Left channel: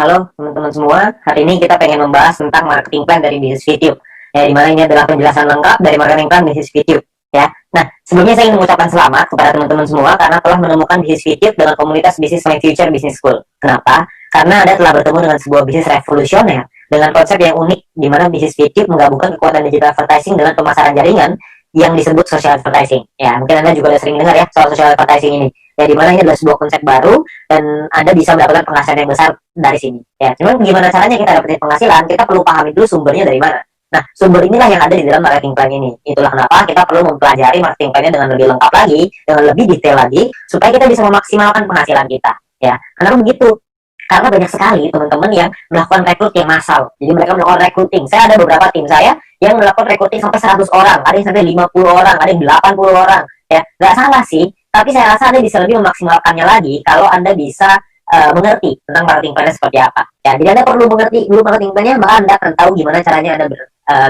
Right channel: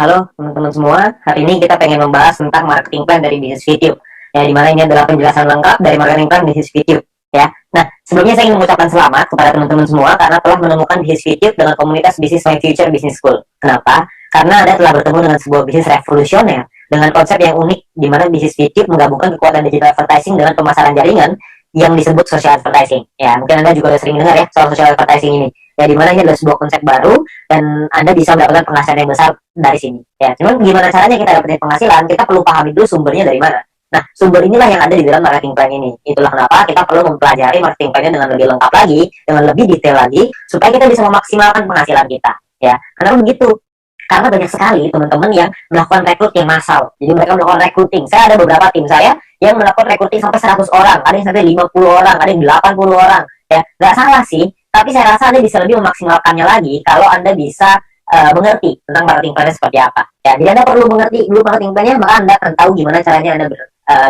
Halo teman-teman semua, hari ini kita pengen membahas tentang marketing plan dari bisnis YouTube. Ya, dimana ini adalah penjelasan lengkap dari marketing plan bisnis YouTube. Ya, nah sebelumnya saya ingin mengucapkan selamat kepada teman-teman semua karena telah menemukan bisnis YouTube dengan komunitas bisnis My Future Business School. Kenapa? Karena Anda telah bertemu dengan sebuah bisnis revolusioner dengan konsep yang unik, di mana bisnis YouTube menggabungkan kekuatan digital advertising dengan pemasaran jaringan yang disebut social advertising. Ya, mungkin Anda juga sudah sering dengar ya soal social advertising ini. Ya, dimana ini adalah sebuah konsep baru dan Anda bisa mendapatkan penghasilan yang besar dari sini. Ya, cuman gimana caranya kita dapetin penghasilan? Kita perlu pahami dulu sumbernya dari mana. Nah, sumber inilah yang ada di dalam marketing plan ini. Itulah kenapa kita perlu mempelajari marketing plan-nya dengan lebih lengkap lagi, dengan lebih detail lagi, supaya kita bisa memaksimalkan penghasilan kita. Ya, kenapa begitu? Karena banyak sekali teman-teman yang melakukan rekrut yang massal. Jadi mereka melakukan recruiting. Saya ada beberapa tim saya yang melakukan recruiting sampai 100 orang, ada yang sampai 50 orang, ada yang 80 orang. Ya, nggak salah sih, tapi saya rasa Anda bisa lebih memaksimalkannya lagi kalau Anda bisa mengerti tentang marketing plan-nya seperti apa. Ya, jadi Anda perlu mengerti dulu marketing plan-nya, maka Anda akan tahu gimana caranya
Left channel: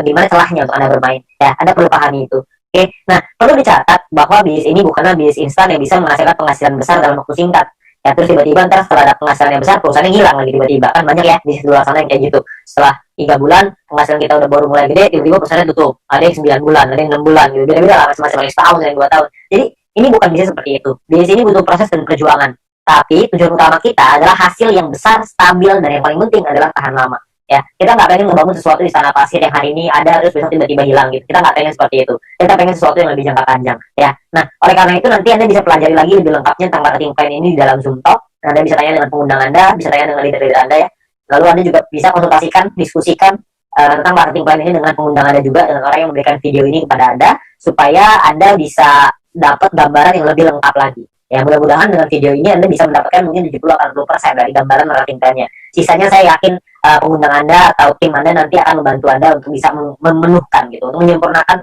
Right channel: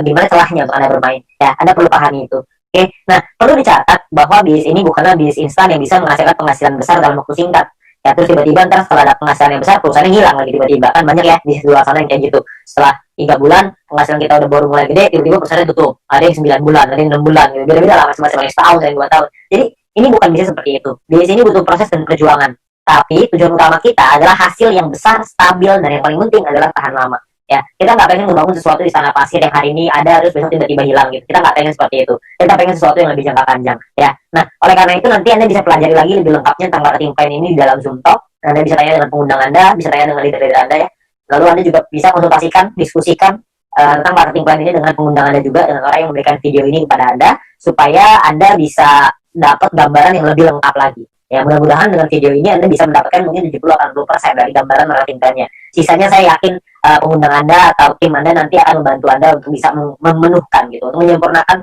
gimana celahnya untuk Anda bermain. Ya, Anda perlu pahami itu. Oke, nah perlu dicatat bahwa bisnis ini bukanlah bisnis instan yang bisa menghasilkan penghasilan besar dalam waktu singkat. Ya, terus tiba-tiba ntar setelah ada penghasilan yang besar, perusahaannya hilang lagi tiba-tiba. Kan banyak ya bisnis di luar sana yang kayak gitu. Setelah 3 bulan penghasilan kita udah baru mulai gede, tiba-tiba perusahaannya tutup. Ada yang 9 bulan, ada yang 6 bulan gitu. Beda-beda lah, masing-masing, ada yang setahun, ada yang 2 tahun. Jadi ini bukan bisnis seperti itu. Bisnis ini butuh proses dan perjuangan. Tapi tujuan utama kita adalah hasil yang besar, stabil, dan yang paling penting adalah tahan lama. Ya, kita nggak pengen membangun sesuatu di tanah pasir yang hari ini ada terus besok tiba-tiba hilang gitu. Kita nggak pengen seperti itu. Kita pengen sesuatu yang lebih jangka panjang. Ya, nah oleh karena itu nanti Anda bisa pelajari lagi lebih lengkapnya tentang marketing plan ini di dalam Zoom Talk. Anda bisa tanya dengan pengundang Anda, bisa tanya dengan leader-leader Anda ya. Lalu Anda juga bisa konsultasikan, diskusikan tentang marketing plan ini dengan pengundang Anda juga, dengan orang yang memberikan video ini kepada Anda, supaya Anda bisa dapat gambaran yang lebih lengkap lagi. Ya, mudah-mudahan dengan video ini Anda bisa mendapatkan mungkin 70-80% dari gambaran marketing plan-nya. Sisanya saya yakin pengundang Anda atau tim Anda nanti akan membantu Anda untuk bisa memenuhkan gitu, untuk menyempurnakan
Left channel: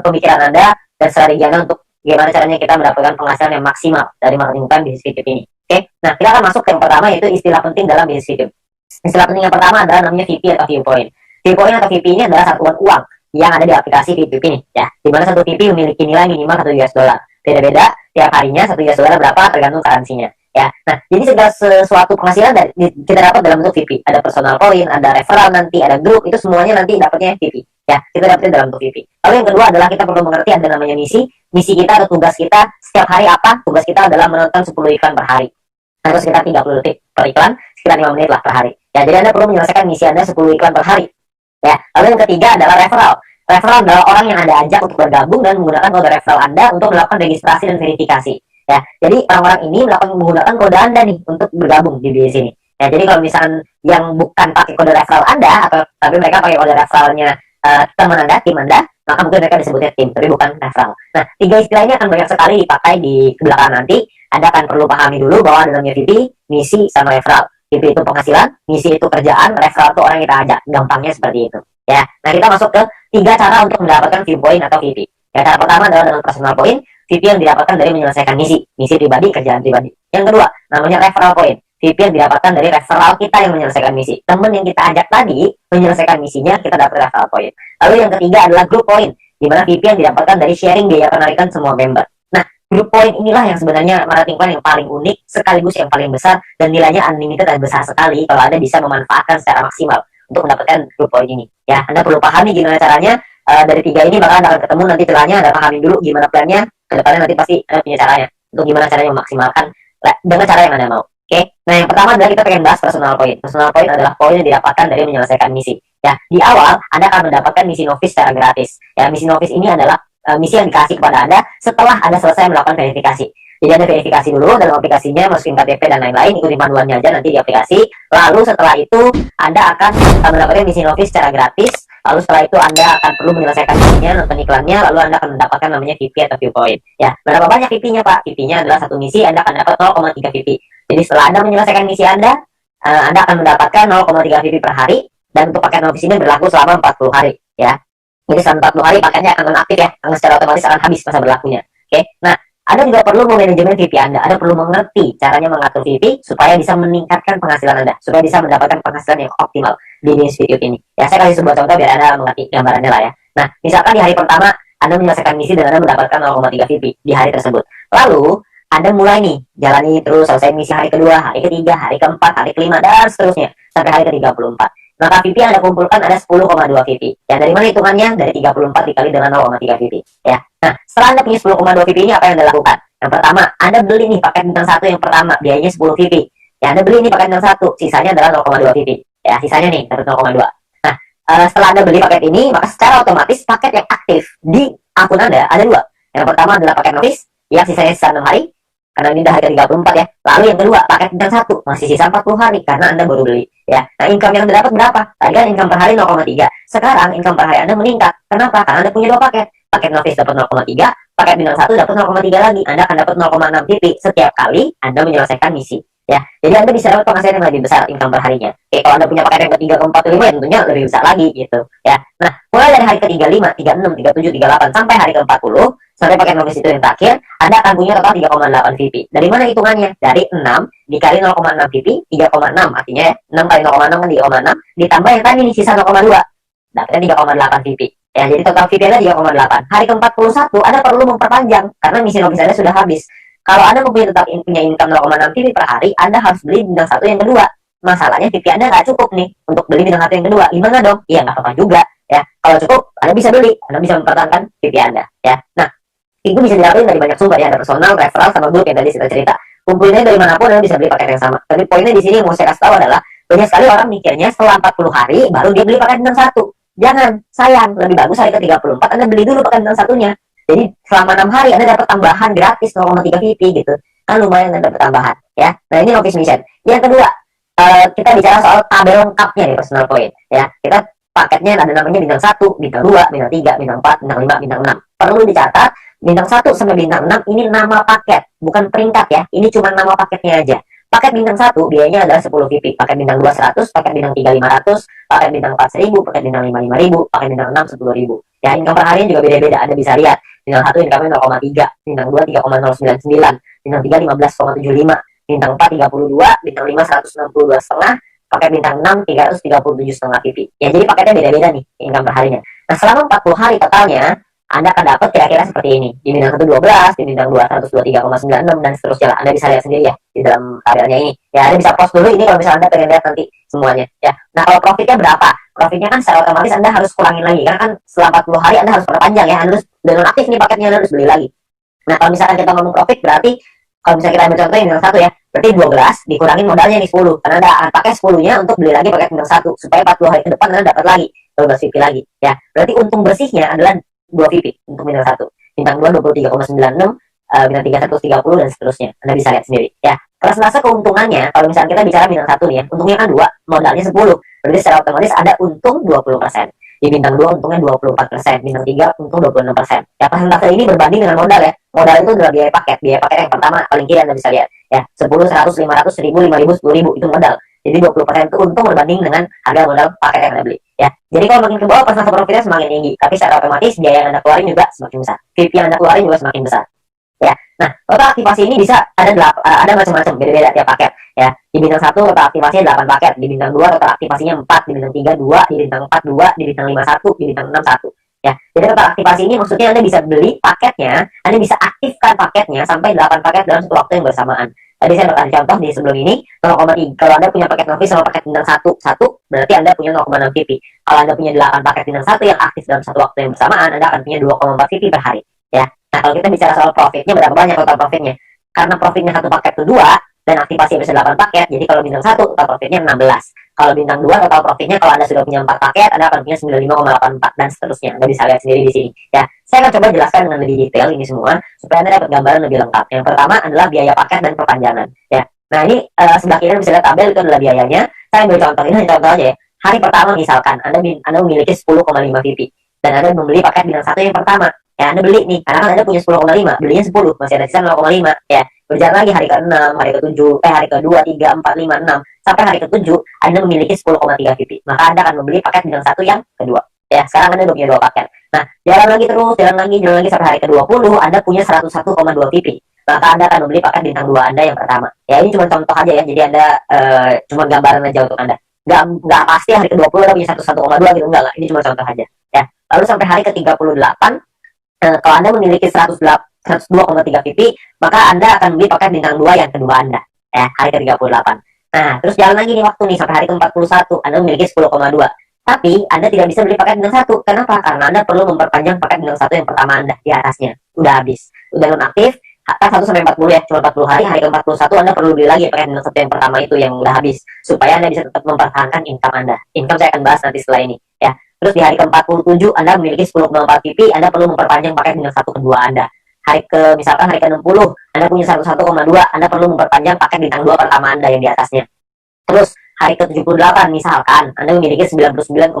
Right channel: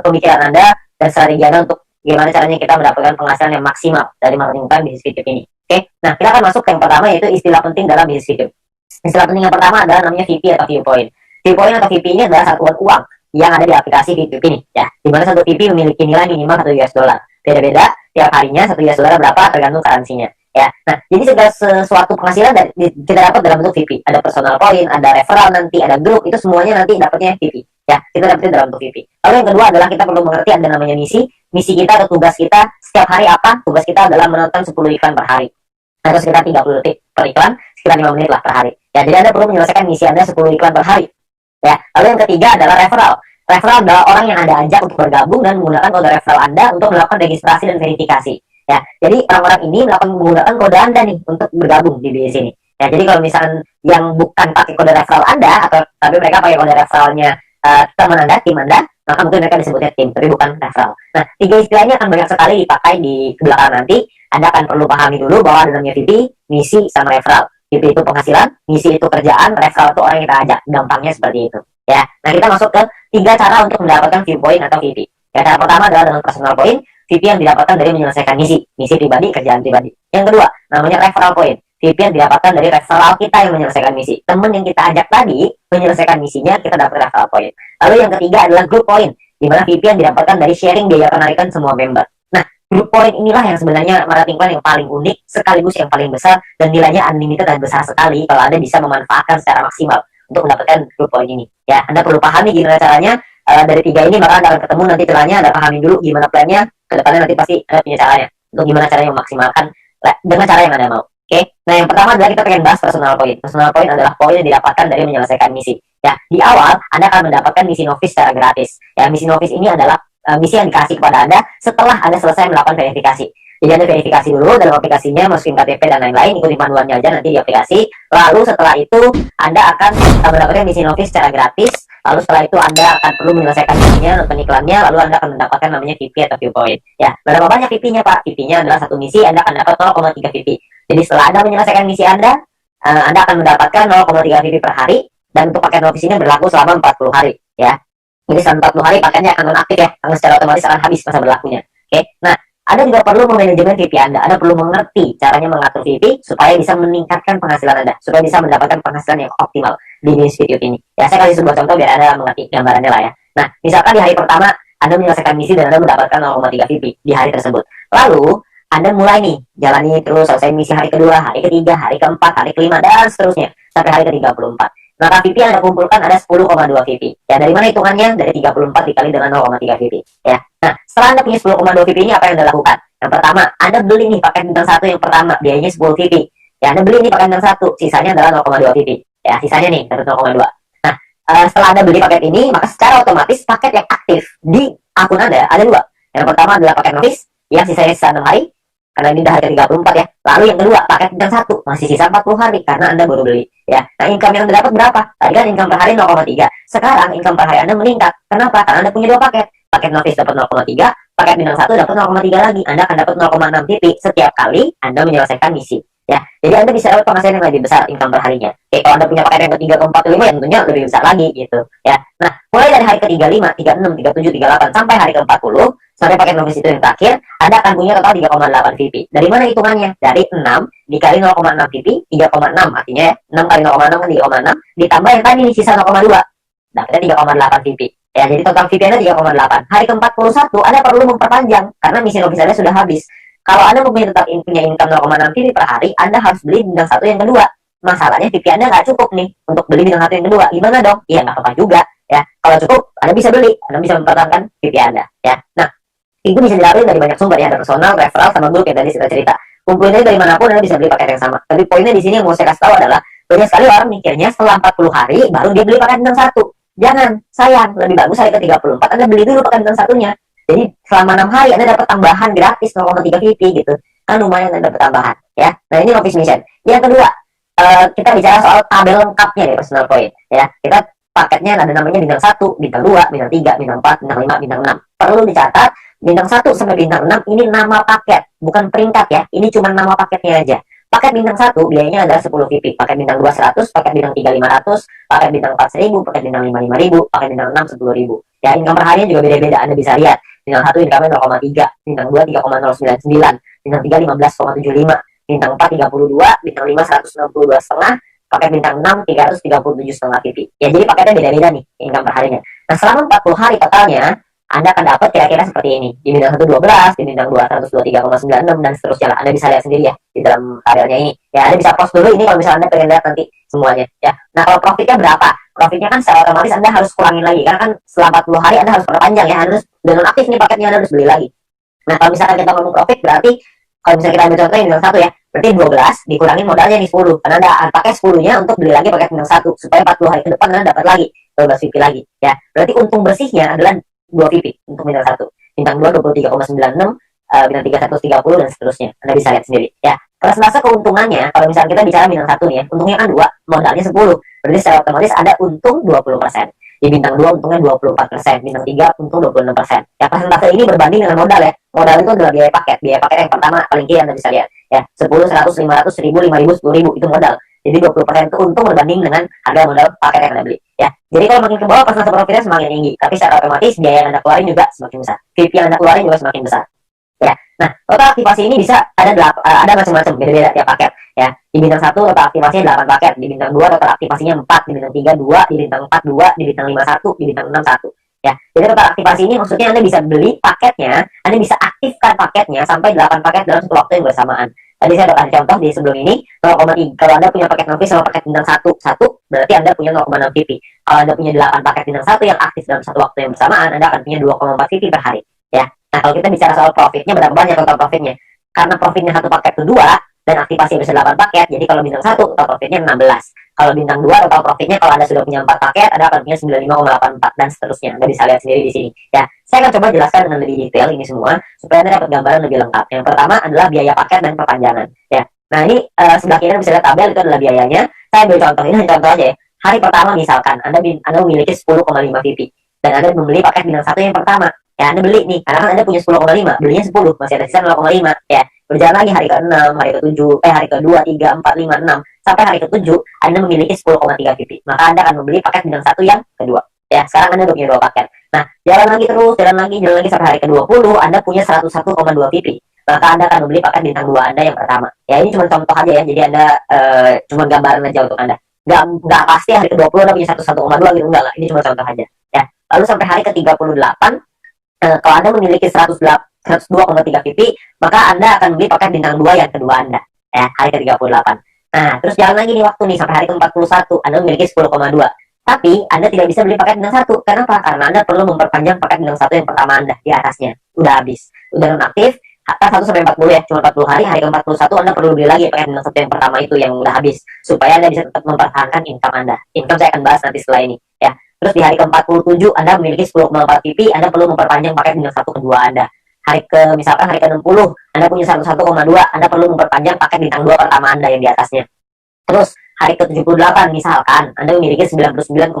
pemikiran Anda dan strategi Anda untuk gimana caranya kita mendapatkan penghasilan yang maksimal dari marketing plan bisnis YouTube ini. Oke, nah kita akan masuk ke yang pertama, yaitu istilah penting dalam bisnis YouTube. Istilah penting yang pertama adalah namanya VP atau viewpoint. Viewpoint atau VP ini adalah satuan uang yang ada di aplikasi YouTube ini, ya. Di mana satu VP memiliki nilai minimal 1 US dollar. Beda-beda tiap harinya 1 US dollar berapa tergantung currency-nya. Ya, nah jadi segala sesuatu penghasilan kita dapat dalam bentuk VP. Ada personal point, ada referral nanti, ada grup, itu semuanya nanti dapatnya VP. Ya, kita dapatnya dalam bentuk VP. Lalu yang kedua adalah kita perlu mengerti ada namanya misi. Misi kita atau tugas kita setiap hari apa? Tugas kita adalah menonton 10 iklan per hari. Atau sekitar 30 detik per iklan, sekitar 5 menit lah per hari. Ya, jadi Anda perlu menyelesaikan misi Anda 10 iklan per hari. Ya, lalu yang ketiga adalah referral. Referral adalah orang yang Anda ajak untuk bergabung dan menggunakan kode referral Anda untuk melakukan registrasi dan verifikasi. Ya, jadi orang-orang ini menggunakan kode Anda nih untuk bergabung di bisnis ini. Ya, jadi kalau misalkan yang bukan pakai kode referral Anda, atau tapi mereka pakai kode referralnya teman Anda, tim Anda, maka mungkin mereka disebutnya tim, tapi bukan referral. Nah, 3 istilah ini akan banyak sekali dipakai di belakang nanti. Anda akan perlu pahami dulu bahwa ada namanya VP, misi, sama referral. VP itu penghasilan, misi itu kerjaan, referral itu orang yang kita ajak. Gampangnya seperti itu. Ya, nah kita masuk ke 3 cara untuk mendapatkan viewpoint atau VP. Ya, cara pertama adalah dengan personal point. VP yang didapatkan dari menyelesaikan misi pribadi, kerjaan pribadi. Yang kedua, namanya referral point. VP yang didapatkan dari referral kita yang menyelesaikan misi. Teman yang kita ajak tadi menyelesaikan misinya, kita dapat referral point. Lalu yang ketiga adalah group point, di mana VP yang didapatkan dari sharing biaya penarikan semua member. Nah, group point inilah yang sebenarnya marketing plan yang paling unik, sekaligus yang paling besar, dan nilainya unlimited dan besar sekali kalau Anda bisa memanfaatkan secara maksimal untuk mendapatkan group point ini. Ya, Anda perlu pahami gimana caranya. Dari 3 ini maka Anda akan ketemu nanti celahnya. Anda pahamin dulu gimana plannya, kedepannya nanti pasti Anda punya caranya untuk gimana caranya memaksimalkan dengan cara yang Anda mau. Oke, nah yang pertama adalah kita pengen bahas personal point. Personal point adalah poin yang didapatkan dari menyelesaikan misi. Ya, di awal Anda akan mendapatkan misi novice secara gratis. Ya, misi novice ini adalah misi yang dikasih kepada Anda setelah Anda selesai melakukan verifikasi. Jadi Anda verifikasi dulu dalam aplikasinya, masukin KTP dan lain-lain, ikuti panduannya aja nanti di aplikasi. Lalu setelah itu Anda akan mendapatkan misi novice secara gratis. Lalu setelah itu Anda akan perlu menyelesaikan misinya, nonton iklannya, lalu Anda akan mendapatkan namanya VP atau viewpoint. Ya, berapa banyak VP-nya Pak? VP-nya adalah satu misi, Anda akan dapat 0,3 VP. Jadi setelah Anda menyelesaikan misi Anda akan mendapatkan 0,3 VP per hari, dan untuk paket novice ini berlaku selama 40 hari. Ya, jadi selama 40 hari paketnya akan non-aktif ya, karena secara otomatis akan habis masa berlakunya. Oke, nah Anda juga perlu memanajemen VP Anda. Anda perlu mengerti caranya mengatur VP supaya bisa meningkatkan penghasilan Anda, supaya bisa mendapatkan penghasilan yang optimal di bisnis video ini. Ya, saya kasih sebuah contoh biar Anda mengerti gambarannya lah ya. Nah, misalkan di hari pertama Anda menyelesaikan misi dan Anda mendapatkan 0,3 VP di hari tersebut. Lalu Anda mulai nih jalani terus, selesai misi hari kedua, hari ketiga, hari keempat, hari kelima, dan seterusnya. sampai hari ke-34. Maka VP yang Anda kumpulkan ada 10,2 VP. Ya, dari mana hitungannya? Dari 34 dikali dengan 0,3 VP. Ya. Nah, setelah Anda punya 10,2 VP ini apa yang Anda lakukan? Yang pertama, Anda beli nih paket bintang 1 yang pertama, biayanya 10 VP. Ya, Anda beli nih paket bintang 1, sisanya adalah 0,2 VP. Ya, sisanya nih dapat 0,2. Nah, setelah Anda beli paket ini, maka secara otomatis paket yang aktif di akun Anda ada dua. Yang pertama adalah paket notice yang sisanya sisa 6 hari, karena ini udah hari ke-34 ya. Lalu yang kedua, paket bintang 1 masih sisa 40 hari karena Anda baru beli ya. Nah, income yang Anda dapat berapa? Tadi kan income per hari 0,3. Sekarang income per hari Anda meningkat. Kenapa? Karena Anda punya dua paket. Paket novice dapat 0,3, paket bintang 1 dapat 0,3 lagi. Anda akan dapat 0,6 PP setiap kali Anda menyelesaikan misi. Ya, jadi Anda bisa dapat penghasilan yang lebih besar income per harinya. Oke, kalau Anda punya paket yang ketiga, keempat, kelima, ya tentunya lebih besar lagi gitu. Ya, nah mulai dari hari ke-35, 36, 37, 38 sampai hari ke-40 sampai paket novice itu yang terakhir, Anda akan punya total 3,8 VP. Dari mana hitungannya? Dari 6 dikali 0,6 VP, 3,6 artinya ya, 6 kali 0,6 kan 3,6 ditambah yang tadi nih sisa 0,2. Dapatnya 3,8 VP. Ya, jadi total VP Anda 3,8. Hari ke-41 Anda perlu memperpanjang karena misi novice Anda sudah habis. Kalau Anda mempunyai tetap punya income 0,6 VP per hari, Anda harus beli bintang 1 yang kedua. Masalahnya VP Anda nggak cukup nih untuk beli bintang 1 yang kedua. Gimana dong? Iya, nggak apa-apa juga. Ya, kalau cukup, Anda bisa beli. Anda bisa mempertahankan VP Anda. Ya, nah, itu bisa dilakukan dari banyak sumber ya, ada personal, referral, sama grup yang tadi kita cerita. Kumpulinnya dari manapun Anda bisa beli paket yang sama. Tapi poinnya di sini yang mau saya kasih tahu adalah banyak sekali orang mikirnya setelah 40 hari baru dia beli paket bintang 1. Jangan, sayang, lebih bagus hari ke-34 Anda beli dulu paket bintang 1-nya. Jadi selama 6 hari Anda dapat tambahan gratis 0,3 VP gitu. Kan lumayan Anda dapat tambahan ya. Nah, ini novice mission. Yang kedua, kita bicara soal tabel lengkapnya di personal point ya. Kita paketnya ada namanya bintang 1, bintang 2, bintang 3, bintang 4, bintang 5, bintang 6. Perlu dicatat bintang 1 sampai bintang 6 ini nama paket, bukan peringkat ya. Ini cuma nama paketnya aja. Paket bintang 1 biayanya adalah 10 VP, paket bintang 2 100, paket bintang 3 500, paket bintang 4 1000, paket bintang 5 5000, paket bintang 6 10.000. Ya, income per harinya juga beda-beda. Anda bisa lihat. Bintang 1 income-nya 0,3, bintang 2 3,099, bintang 3 15,75, bintang 4 32, bintang 5 162,5, paket bintang 6 337,5 PP. Ya, jadi paketnya beda-beda nih income per harinya. Nah, selama 40 hari totalnya Anda akan dapat kira-kira seperti ini. Di bintang 1 12, di bintang 2 123,96 dan seterusnya lah. Anda bisa lihat sendiri ya di dalam tabelnya ini. Ya, Anda bisa post dulu ini kalau misalnya Anda pengen lihat nanti semuanya ya. Nah, kalau profitnya berapa? Profitnya kan secara otomatis Anda harus kurangin lagi karena kan setelah 40 hari Anda harus perpanjang ya. Anda harus udah nonaktif nih paketnya, Anda harus beli lagi. Nah, kalau misalkan kita ngomong profit berarti kalau misalnya kita ambil contoh yang bintang 1 ya, berarti 12 dikurangin modalnya nih 10. Karena Anda pakai 10-nya untuk beli lagi paket bintang 1 supaya 40 hari ke depan Anda dapat lagi 12 VP lagi ya. Berarti untung bersihnya adalah 2 VP untuk bintang 1. Bintang 2 23,96, bintang 3 130 dan seterusnya. Anda bisa lihat sendiri ya. Persentase keuntungannya kalau misalnya kita bicara bintang 1 nih ya, untungnya kan 2, modalnya 10. Berarti secara otomatis ada untung 20%. Di bintang 2 untungnya 24%, bintang 3 untung 26%. Ya, persentase ini berbanding dengan modal ya. Modal itu adalah biaya paket. Biaya paket yang pertama paling kiri Anda bisa lihat ya. 10, 100, 500, 1000, 5000, 10.000 itu modal. Jadi 20% itu untung berbanding dengan harga modal paket yang Anda beli ya. Jadi kalau makin ke bawah persentase profitnya semakin tinggi, tapi secara otomatis biaya yang Anda keluarin juga semakin besar. VP yang Anda keluarin juga semakin besar. Ya. Nah, total aktivasi ini bisa ada macam-macam, beda-beda tiap paket ya. Di bintang 1 total aktivasinya 8 paket, di bintang 2 total aktivasinya 4, di bintang 3 2, di bintang 4 2, di bintang 5 1, di bintang 6 1. Ya. Jadi total aktivasi ini maksudnya Anda bisa beli paketnya, Anda bisa aktifkan paketnya sampai 8 paket dalam satu waktu yang bersamaan. Tadi saya udah kasih contoh di sebelum ini 0,3. Kalau Anda punya paket novice sama paket bintang 1 berarti Anda punya 0,6 VP. Kalau Anda punya 8 paket bintang 1 yang aktif dalam satu waktu yang bersamaan, Anda akan punya 2,4 VP per hari ya. Nah, kalau kita bicara soal profitnya, berapa banyak total profitnya? Karena profitnya satu paket kedua dan aktivasi bisa 8 paket, jadi kalau bintang 1 total profitnya 16. Kalau bintang 2 total profitnya kalau Anda sudah punya 4 paket, Anda akan punya 95,84 dan seterusnya. Anda bisa lihat sendiri di sini. Ya, saya akan coba jelaskan dengan lebih detail ini semua supaya Anda dapat gambaran lebih lengkap. Yang pertama adalah biaya paket dan perpanjangan. Ya. Nah, ini sebelah kiri Anda bisa lihat tabel itu adalah biayanya. Saya ambil contoh ini contoh aja ya. Hari pertama misalkan Anda memiliki 10,5 VP dan Anda membeli paket bintang 1 yang pertama. Ya, Anda beli nih, karena kan Anda punya 10,5, belinya 10, masih ada sisa 0,5. Ya, berjalan lagi hari ke-6, hari ke-7, hari ke-2, 3, 4, 5, 6, sampai hari ke-7, Anda memiliki 10,3 VP. Maka Anda akan membeli paket bintang 1 yang kedua. Ya, sekarang Anda udah punya 2 paket. Nah, jalan lagi terus, jalan lagi sampai hari ke-20, Anda punya 101,2 VP. Maka Anda akan membeli paket bintang 2 Anda yang pertama. Ya, ini cuma contoh aja ya, jadi Anda cuma gambaran aja untuk Anda. Nggak pasti hari ke-20 Anda punya 101,2 gitu, enggak lah. Ini cuma contoh aja. Ya, lalu sampai hari ke-38, kalau Anda memiliki 102,3 PP, maka Anda akan beli paket bintang 2 yang kedua Anda. Ya, hari ke-38. Nah, terus jalan lagi nih waktu nih sampai hari ke-41, Anda memiliki 10,2. Tapi Anda tidak bisa beli paket bintang 1. Kenapa? Karena Anda perlu memperpanjang paket bintang 1 yang pertama Anda di atasnya. Udah habis. Udah nonaktif. Kan 1 sampai 40 ya, cuma 40 hari. Hari ke-41 Anda perlu beli lagi paket bintang 1 yang pertama itu yang udah habis supaya Anda bisa tetap mempertahankan income Anda. Income saya akan bahas nanti setelah ini ya. Terus di hari ke-47 Anda memiliki 10,4 PP, Anda perlu memperpanjang paket bintang 1 kedua Anda. Misalkan hari ke-60 Anda punya 101,2, Anda perlu memperpanjang paket bintang 2 pertama Anda yang di atasnya. Terus hari ke-78 misalkan Anda memiliki 99,2,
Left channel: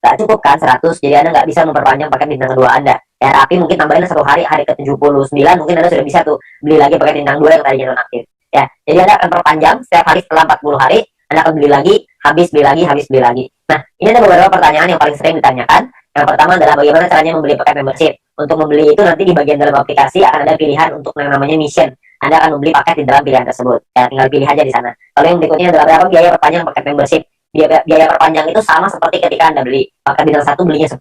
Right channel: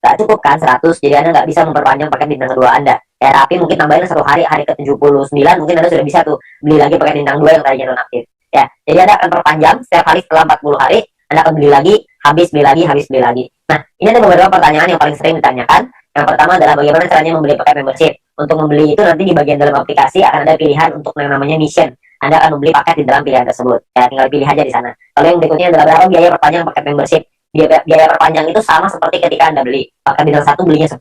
nggak cukup kan 100, jadi Anda nggak bisa memperpanjang paket bintang kedua Anda ya, tapi mungkin tambahin satu hari, hari ke-79 mungkin Anda sudah bisa tuh beli lagi paket bintang 2 yang tadinya nonaktif ya. Jadi Anda akan perpanjang setiap hari setelah 40 hari, Anda akan beli lagi, habis beli lagi, habis beli lagi. Nah, ini ada beberapa pertanyaan yang paling sering ditanyakan. Yang pertama adalah bagaimana caranya membeli paket membership. Untuk membeli itu nanti di bagian dalam aplikasi akan ada pilihan untuk yang namanya mission. Anda akan membeli paket di dalam pilihan tersebut ya, tinggal pilih aja di sana. Lalu yang berikutnya adalah berapa biaya perpanjang paket membership. Biaya perpanjang itu sama seperti ketika Anda beli paket bintang 1, belinya 10,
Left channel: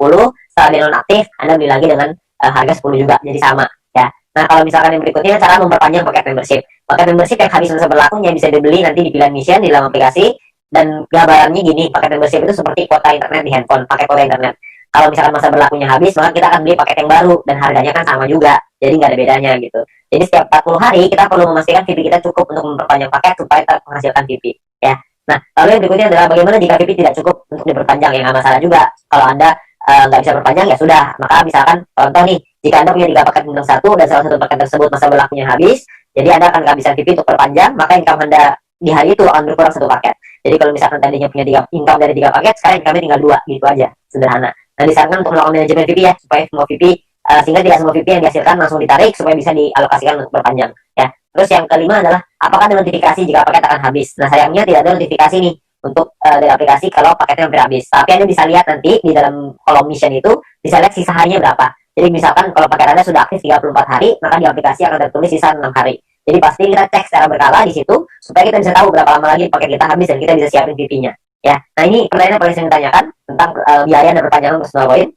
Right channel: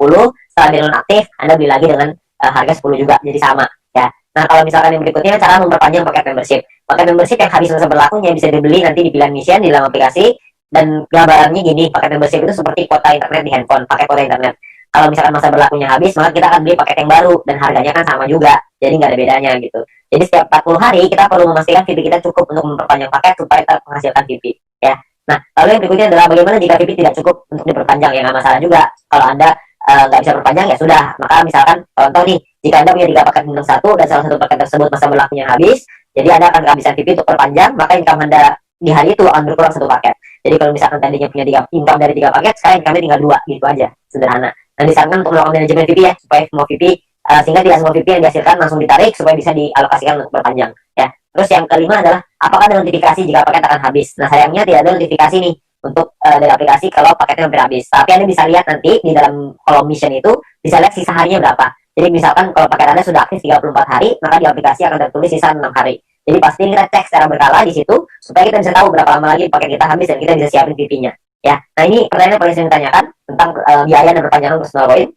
setelah dia nonaktif Anda beli lagi dengan harga 10 juga, jadi sama ya. Nah, kalau misalkan yang berikutnya cara memperpanjang paket membership. Paket membership yang habis masa berlakunya bisa dibeli nanti di pilihan mission di dalam aplikasi, dan gambarannya gini, paket membership itu seperti kuota internet di handphone, pakai kuota internet. Kalau misalkan masa berlakunya habis, maka kita akan beli paket yang baru dan harganya kan sama juga, jadi nggak ada bedanya gitu. Jadi setiap 40 hari kita perlu memastikan VP kita cukup untuk memperpanjang paket supaya tetap menghasilkan VP ya. Nah, lalu yang berikutnya adalah bagaimana jika VP tidak cukup untuk diperpanjang. Ya nggak masalah juga kalau Anda nggak bisa perpanjang, ya sudah. Maka misalkan contoh nih, jika Anda punya 3 paket bintang 1 dan salah satu paket tersebut masa berlakunya habis, jadi Anda akan kehabisan VP untuk perpanjang, maka income Anda di hari itu akan berkurang 1 paket. Jadi kalau misalkan tadinya punya 3 income dari 3 paket, sekarang income tinggal 2, gitu aja, sederhana. Dan disarankan untuk melakukan manajemen VP ya, supaya semua VP sehingga tidak semua VP yang dihasilkan langsung ditarik, supaya bisa dialokasikan untuk berpanjang ya. Terus yang kelima adalah apakah ada notifikasi jika paket akan habis. Nah, sayangnya tidak ada notifikasi nih untuk dari aplikasi kalau paketnya hampir habis. Tapi Anda bisa lihat nanti di dalam kolom mission itu, bisa lihat sisa harinya berapa. Jadi misalkan kalau paket Anda sudah aktif 34 hari, maka di aplikasi akan tertulis sisa 6 hari. Jadi pasti kita cek secara berkala di situ supaya kita bisa tahu berapa lama lagi paket kita habis dan kita bisa siapin VP-nya ya. Nah, ini pertanyaan yang paling sering ditanyakan tentang biaya dan perpanjangan personal coin.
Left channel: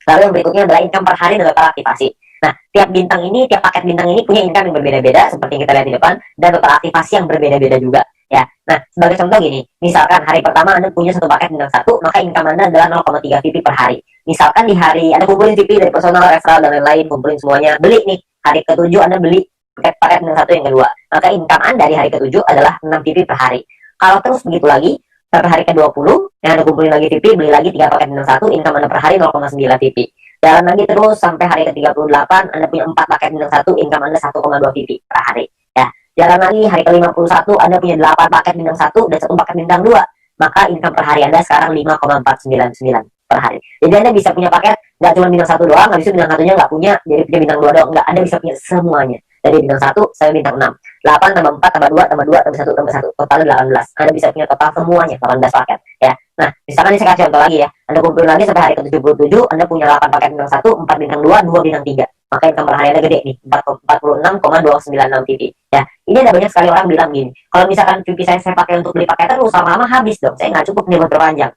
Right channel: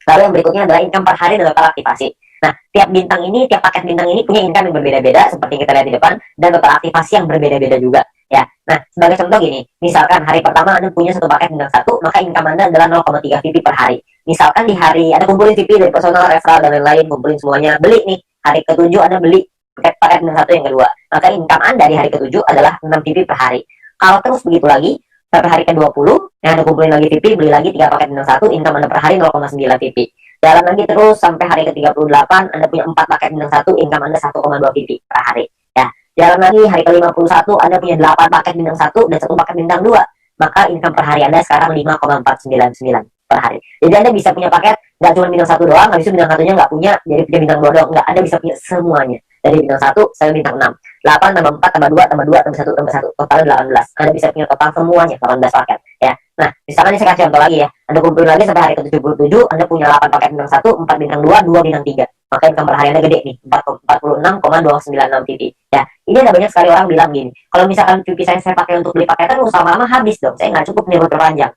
Lalu yang berikutnya adalah income per hari dan total aktivasi. Nah, tiap paket bintang ini punya income yang berbeda-beda seperti yang kita lihat di depan, dan total aktivasi yang berbeda-beda juga ya. Nah, sebagai contoh gini, misalkan hari pertama Anda punya 1 paket bintang 1, maka income Anda adalah 0,3 VP per hari. Misalkan di hari Anda kumpulin VP dari personal, referral, dan lain-lain, kumpulin semuanya, beli nih, hari ke-7 Anda beli paket bintang 1 yang kedua, maka income Anda di hari ke-7 adalah 6 VP per hari. Kalau terus begitu lagi, sampai hari ke-20, yang Anda kumpulin lagi VP, beli lagi 3 paket bintang 1, income Anda per hari 0,9 VP. Jalan lagi terus sampai hari ke-38, Anda punya 4 paket bintang 1, income Anda 1,2 VP per hari ya. Jalan lagi hari ke-51, Anda punya 8 paket bintang 1 dan 1 paket bintang 2, maka income per hari Anda sekarang 5,499 per hari. Jadi Anda bisa punya paket nggak cuma bintang 1 doang, nggak bisa bintang 1-nya nggak punya, jadi punya bintang 2 doang, nggak. Anda bisa punya semuanya dari bintang 1 sampai bintang 6. 8 tambah 4 tambah 2 tambah 2 tambah 1 tambah 1, totalnya 18. Anda bisa punya total semuanya 18 paket ya. Nah, misalkan ini saya kasih contoh lagi ya, Anda kumpulin lagi sampai hari ke-77, Anda punya 8 paket bintang 1, 4 bintang 2, 2 bintang 3, maka income per hari Anda gede nih, 46,296 VP ya. Ini ada banyak sekali orang bilang gini, kalau misalkan VP saya pakai untuk beli paket terus, lama-lama habis dong, saya nggak cukup nih buat perpanjang.